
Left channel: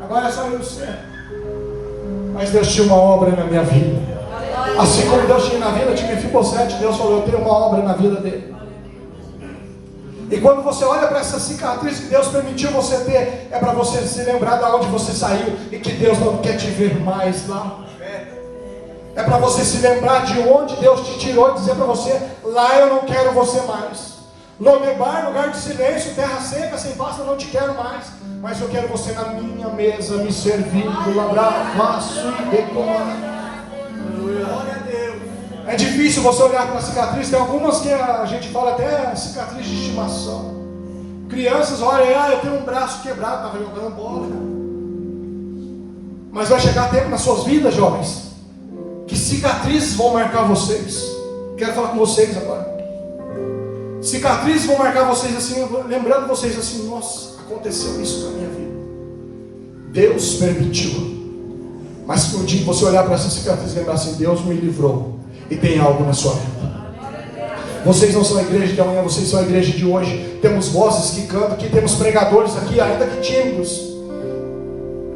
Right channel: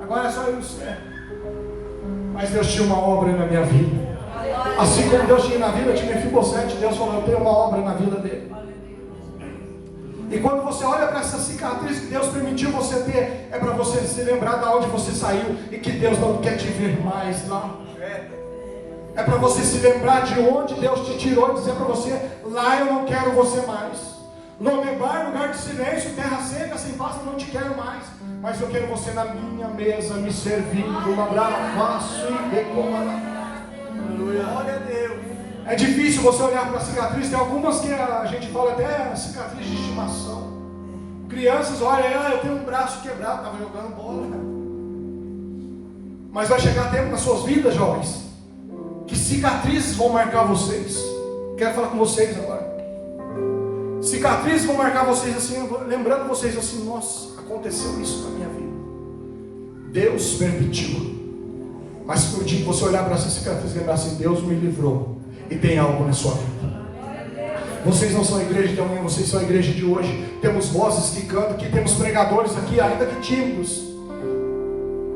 agora é só eu ser. Mas Deus tinha uma obra na minha vida. Assim como Deus tinha na vida de Mefibosete, Deus falou, eu tenho uma obra na vida dele. E quando você olha para essa cicatriz que Deus permitiu você ter, é para você se lembrar de onde você saiu e que Deus não quer te ver mais lá. É para você se lembrar de onde Deus te tirou e dizer para você, lá eu não quero você mais. Lodebar, lugar de silêncio, terra seca, sem pasta, não te quero mais. Mas eu quero você na minha mesa, me servindo, abraço e decorar. Glória a Deus. É difícil você olhar para a cicatriz, tem algumas que a gente fala até cicatriz de estimação. Crianças olham, eu tenho um braço quebrado, estava jogando bola. Mas vai chegar tempo nas suas vidas, jovens, que cicatrizes vão marcar vocês. Quero falar com vocês agora. Cicatrizes vão marcar vocês assim, lembrando vocês assim, nossa, aconteceu isso na minha vida. Deus permitiu. Mas que um dia você olhar para essa cicatriz e lembrar assim, Deus me livrou. E tem algo na sua vida. Vocês não são a igreja de amanhã, vocês são a igreja de hoje. Temos vozes que cantam aqui, temos pregadores aqui, ainda que tímidos.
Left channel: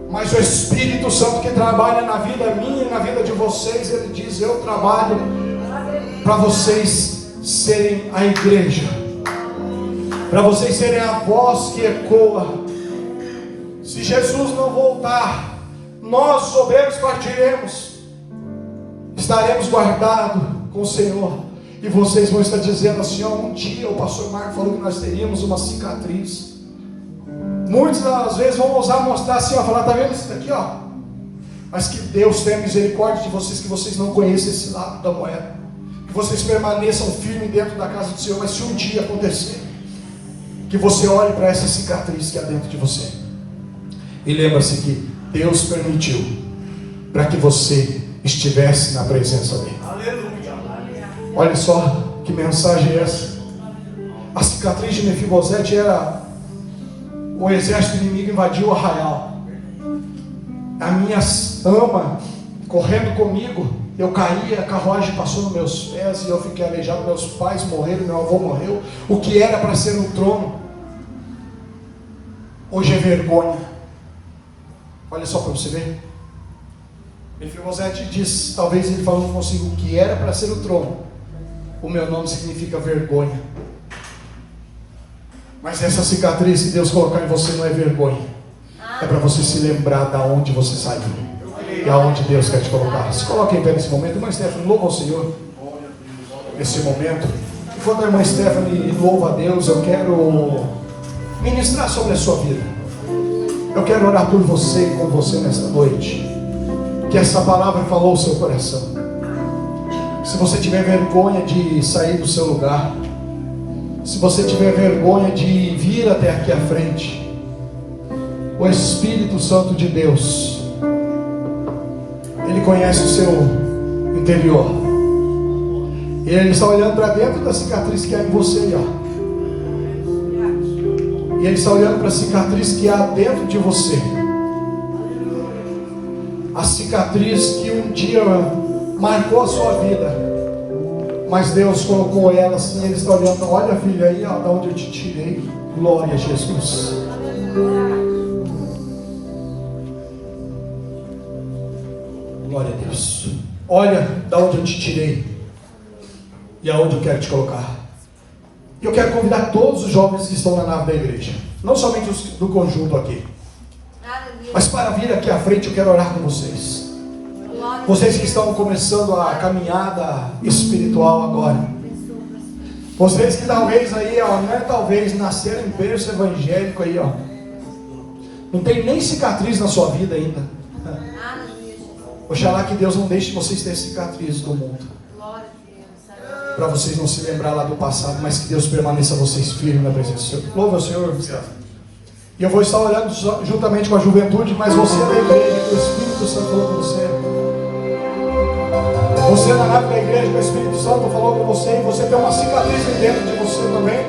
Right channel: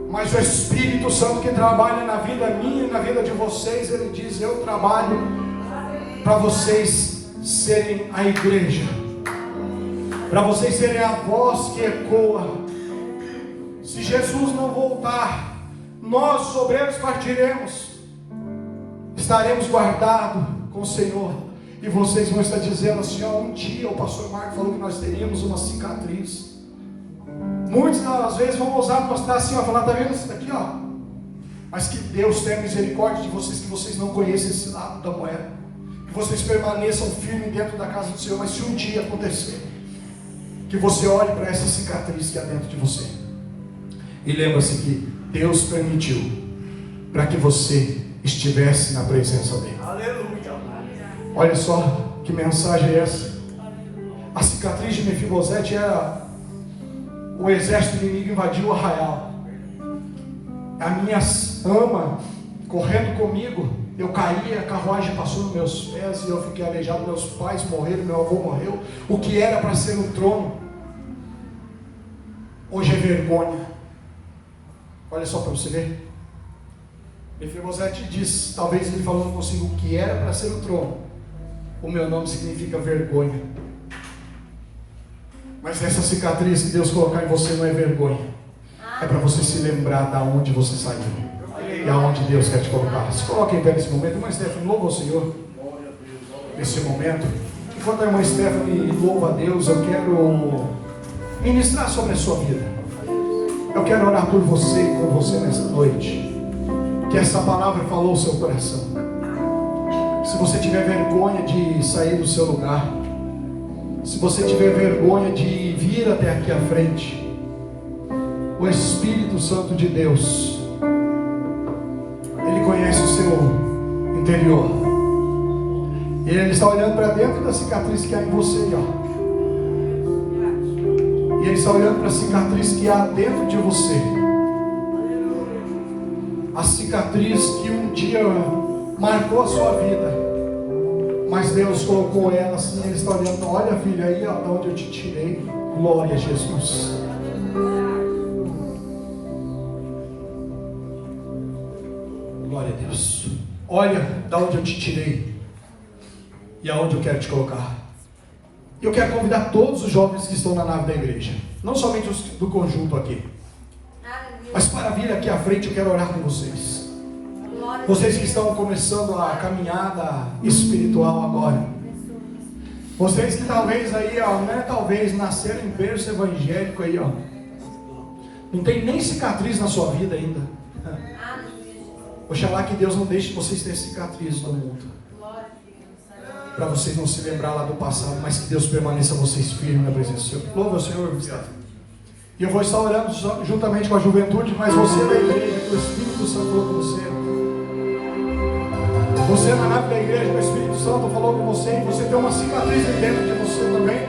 Mas o Espírito Santo que trabalha na vida minha e na vida de vocês, ele diz, eu trabalho para vocês serem a igreja, para vocês serem a voz que ecoa. Se Jesus não voltar, nós, os obreiros, partiremos, estaremos guardados com o Senhor, e vocês vão estar dizendo assim, um dia o pastor Marco falou que nós teríamos uma cicatriz. Muitos às vezes vão ousar mostrar assim, falar, tá vendo isso daqui, mas que Deus tenha misericórdia de vocês, que vocês não conheçam esse lado da moeda, que vocês permaneçam firmes dentro da casa do Senhor. Mas se um dia acontecer, que você olhe para essa cicatriz que há dentro de você, e lembra-se que Deus permitiu para que você estivesse na presença dele. Aleluia. Olha só que mensagem é essa. A cicatriz de Mefibosete era o exército inimigo invadiu o arraial. A minha ama correndo comigo, eu caí, a carruagem passou nos meus pés e eu fiquei aleijado. Meus pais morreram, meu avô morreu. O que era para ser um trono, hoje é vergonha. Olha só para você ver. Mefibosete diz, talvez ele falando consigo, o que era para ser o trono, o meu nome significa vergonha. Mas essa cicatriz que Deus colocar em você não é vergonha. É para você se lembrar da onde você saiu e aonde Deus quer te colocar. Se coloque em pé nesse momento. Irmã Stephanie, louva ao Senhor nesse momento. Enquanto a irmã Stephanie louva a Deus, eu quero ministrar sobre a sua vida. Eu quero orar por você e com você nesta noite. Que essa palavra falou ao seu coração. Se você tiver vergonha de sair do seu lugar, se você tiver vergonha de vir até aqui à frente, o Espírito Santo de Deus, Ele conhece o seu interior. E Ele está olhando para dentro da cicatriz que há em você, ó. E Ele está olhando para a cicatriz que há dentro de você. A cicatriz que um dia marcou a sua vida, mas Deus colocou ela assim. Ele está olhando, olha filha aí, ó, de onde eu te tirei. Glória a Jesus. Glória a Deus. Olha de onde eu te tirei e aonde eu quero te colocar. E eu quero convidar todos os jovens que estão na nave da igreja, não somente os do conjunto aqui, mas para vir aqui à frente. Eu quero orar com vocês. Vocês que estão começando a caminhada espiritual agora. Vocês que talvez aí, ó, não é talvez nasceram em berço evangélico aí, ó. Não tem nem cicatriz na sua vida ainda. Oxalá que Deus não deixe vocês ter cicatrizes do mundo, para vocês não se lembrar lá do passado, mas que Deus permaneça vocês firmes na presença do Senhor. Louva o Senhor. E eu vou estar orando juntamente com a juventude, mas você da igreja, que o Espírito Santo falou com você. Você na nave da igreja, que o Espírito Santo falou com você, e você tem uma cicatriz dentro de você também.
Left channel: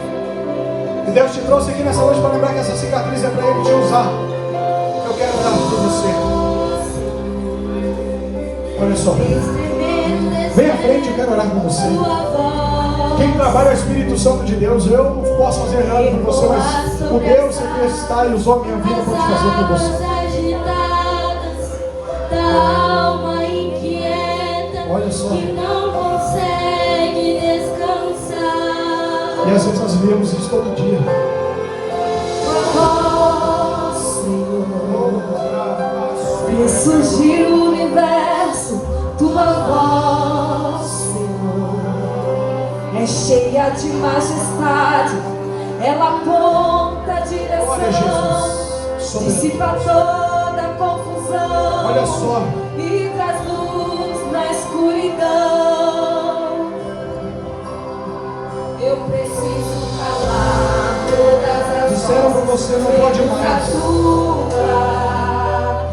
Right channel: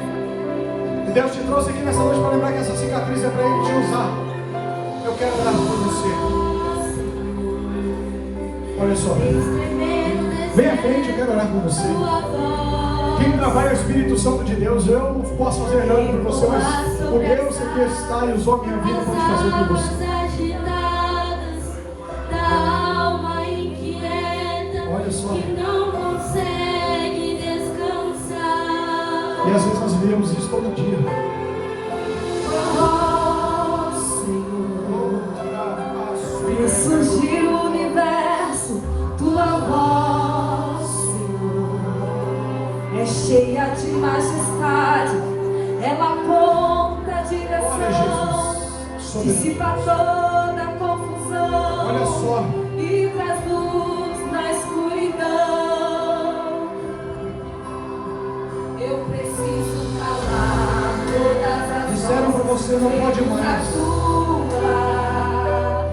E Deus te trouxe aqui nessa noite para lembrar que essa cicatriz é para Ele te usar. Eu quero orar por você. Olha só. Vem à frente, eu quero orar com você. Quem trabalha é o Espírito Santo de Deus. Eu não posso fazer nada por você, mas o Deus que está e usou minha vida para te fazer por você. Olha só. E às vezes nós vemos isso todo dia. Ressurgir o universo, tua voz, Senhor, é cheia de majestade, ela aponta a direção, dissipa toda a confusão. Olha só. E traz luz na escuridão. Eu preciso calar todas as disseram para você, não pode mais.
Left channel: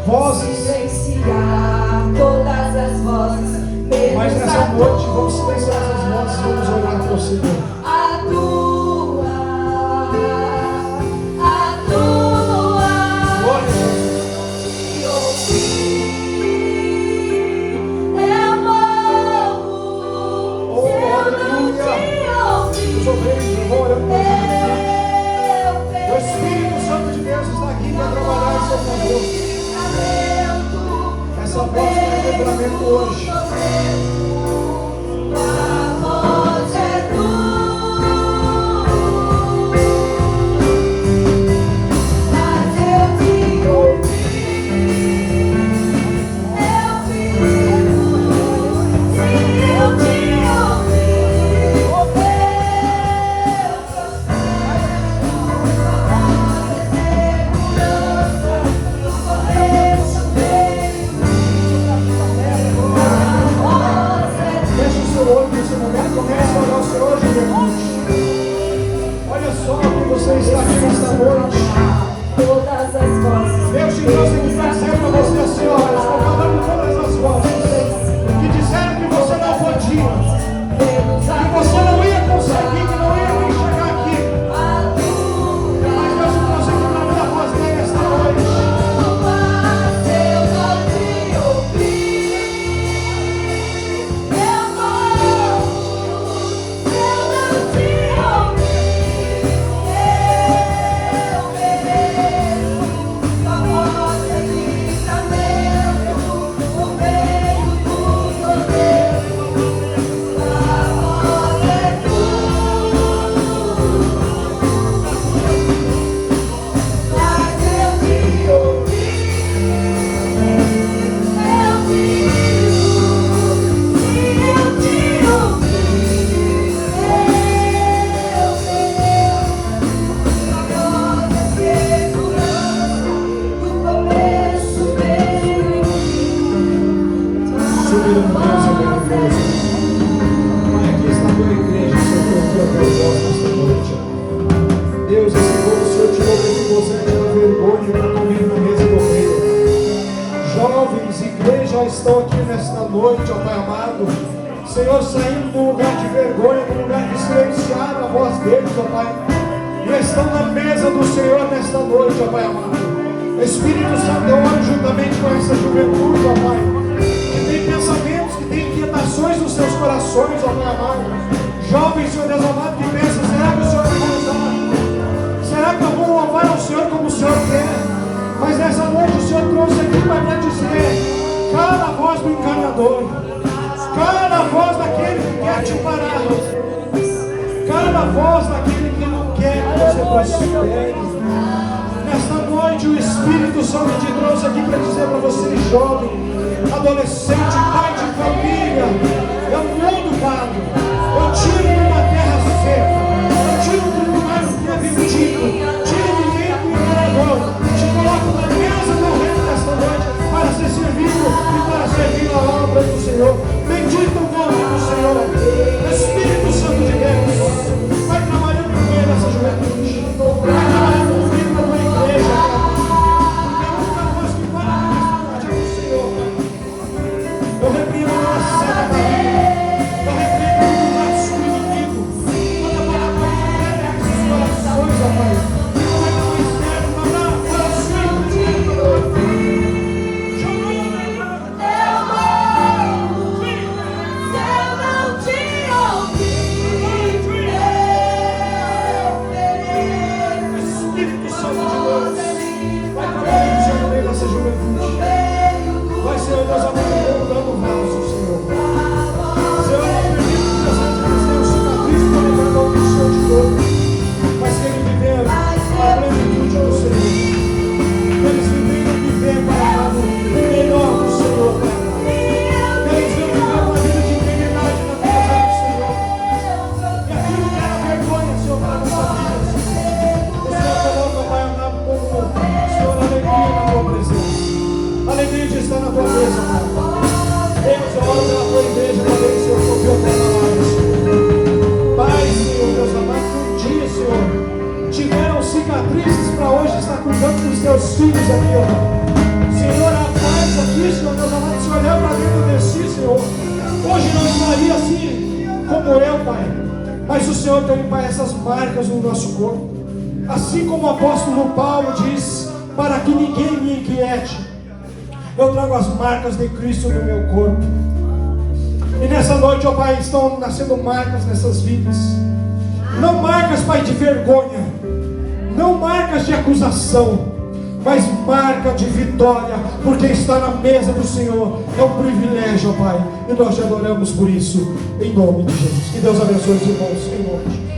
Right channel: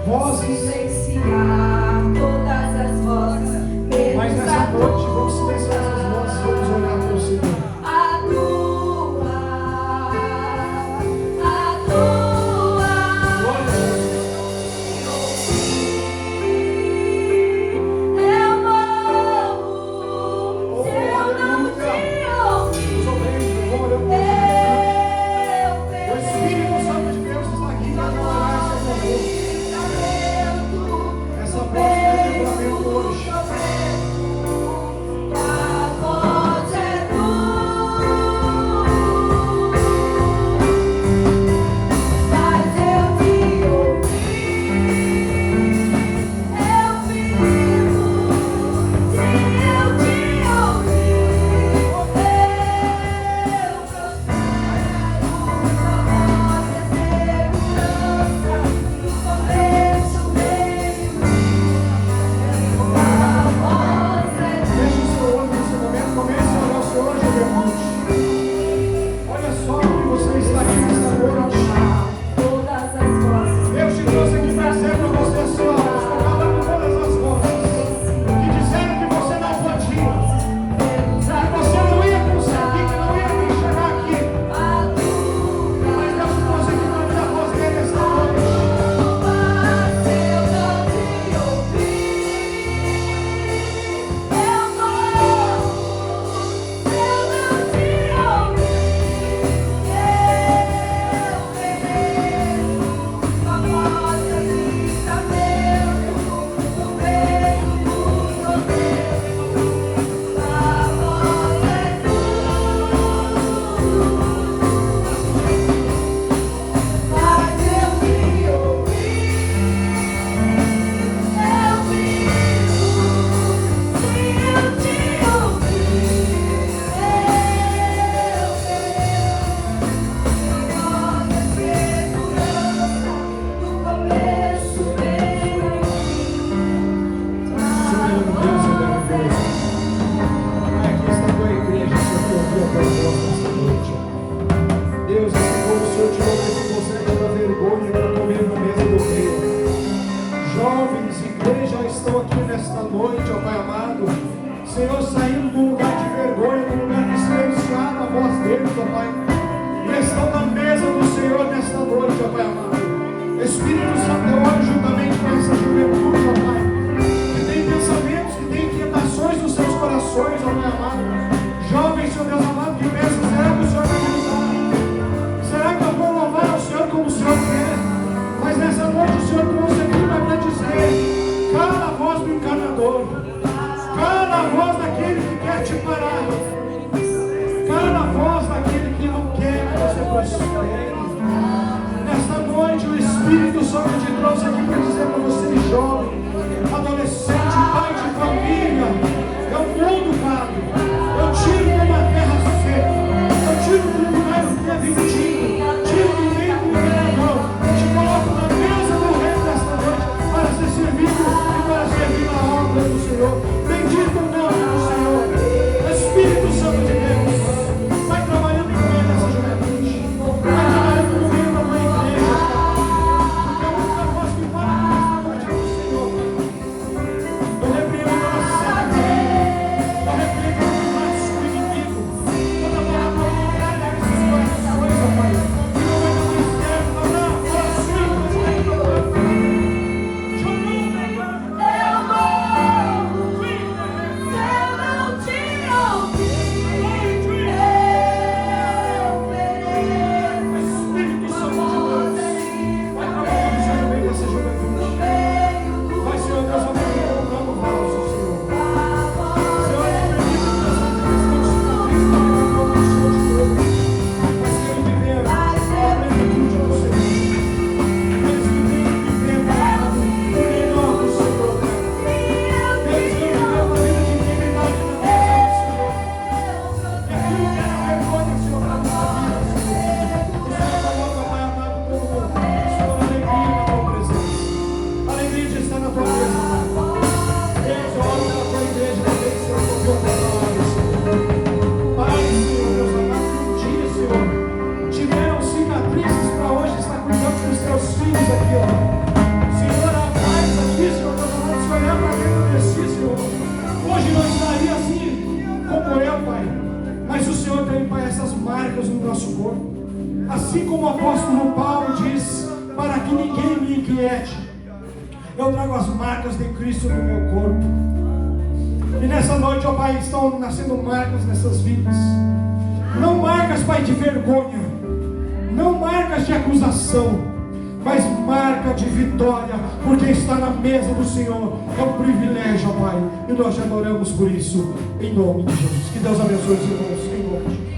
Vozes. Silenciar todas as vozes. Mas nessa noite vamos silenciar essas vozes e vamos orar para o Senhor. A tua Glória. eu morro. Oh, aleluia. Os obreiros vão orando para Jesus. O Espírito Santo de Deus está aqui para trabalhar em seu favor. Essa voz vai ter livramento hoje. Comece a orar o Senhor, juventude. Olha só o que você está aqui nesta noite. Todas as vozes. Deus te trouxe aqui para dizer para você, senhora, estou falando todas as vozes que disseram que você não podia, que você não ia conseguir, que não ia nem chegar aqui. Mas Deus te trouxe aqui para me fazer esta noite. soberano Deus e maravilhoso. Pai, aqui está a tua igreja, Senhor, que ouviu a tua voz nesta noite. Deus, assim como o Senhor tirou Mefibosete da vergonha para comer na mesa do rei. Jovens, igreja, estão aqui nesta noite, ó Pai amado. Senhor, saindo do lugar de vergonha, do lugar que silenciaram a voz deles, ó Pai. E estão na mesa do Senhor nesta noite, ó Pai amado. Espírito Santo, eu oro juntamente com essa juventude, ó Pai, que tem pensamentos, que tem inquietações nos seus corações, ó Pai amado. Jovens, Senhor Deus amado, que pensam, será que o Senhor vai me usar? Será que eu vou louvar ao Senhor como o Senhor quer? Mas nessa noite o Senhor trouxe aqui para dizer: cala a voz do encanador, cala a voz daquele que quer te parar, cala a voz daquele que não quer que você prospere. Nesta noite o Espírito Santo te trouxe aqui para dizer para você, jovem, adolescente, pai de família: eu mudo, Pai, eu tiro de uma terra seca, eu tiro de um lugar que é vendido, tiro do reino que me levou, te coloco na mesa do reino desta noite para ser servido e para servir a obra do Senhor. Bendito o nome do Senhor. Espírito Santo de Deus, vai trabalhando no meio dessa juventude, vai trabalhando no meio da tua igreja. É a única voz que fala com o Senhor. Eu repreendo toda seca da vida, eu repreendo todo o braço inimigo, toda palavra que quer esses corações, ó Pai. Como é que tu escreve, não, para o Senhor. Espírito Santo de Deus, vai trabalhando, Senhor, no meio dessa juventude. Vai, Senhor Deus, amado, dando vaso, Senhor. Senhor, não permite que as vidas tenham cicatriz para levar o Senhor de novo, mas que eles viveram a plenitude do Senhor. Que eles viveram, Pai amado, o melhor do Senhor, Pai amado. Que eles viveram uma vida de integridade na presença do Senhor. E aquilo que era vergonha, Senhor, para a nossa vida, Senhor. O Senhor coloca, Pai amado, como Senhor, alegria na tua presença. Alegria de estar na tua mesa, Pai. Deus, eu oro pela tua igreja, para ver, Senhor, que ouviu a tua palavra, Senhor. Pai, Senhor, Deus amado, que um dia, Senhor, tiveram cicatrizes para hoje estar cuidando dos teus filhos aqui, ó Pai. Senhor, atrás aqui, Senhor, Deus amado, se olhar para dentro de si, Senhor, hoje não estaria assim como eu, Pai. Mas o Senhor tem, Pai, essas marcas no nosso corpo. Assim como o apóstolo Paulo diz, para que ninguém me inquiete, eu trago as marcas de Cristo no meu corpo. E nessa noite, ó Pai, estão nascendo marcas nessas vidas. Não marcas, Pai, de vergonha, não marcas de acusação, mas marca de vitória, porque estar na mesa do Senhor é um privilégio, ó Pai. E nós te adoramos por isso, em nome de Jesus. Que Deus abençoe os irmãos, em nome de Jesus.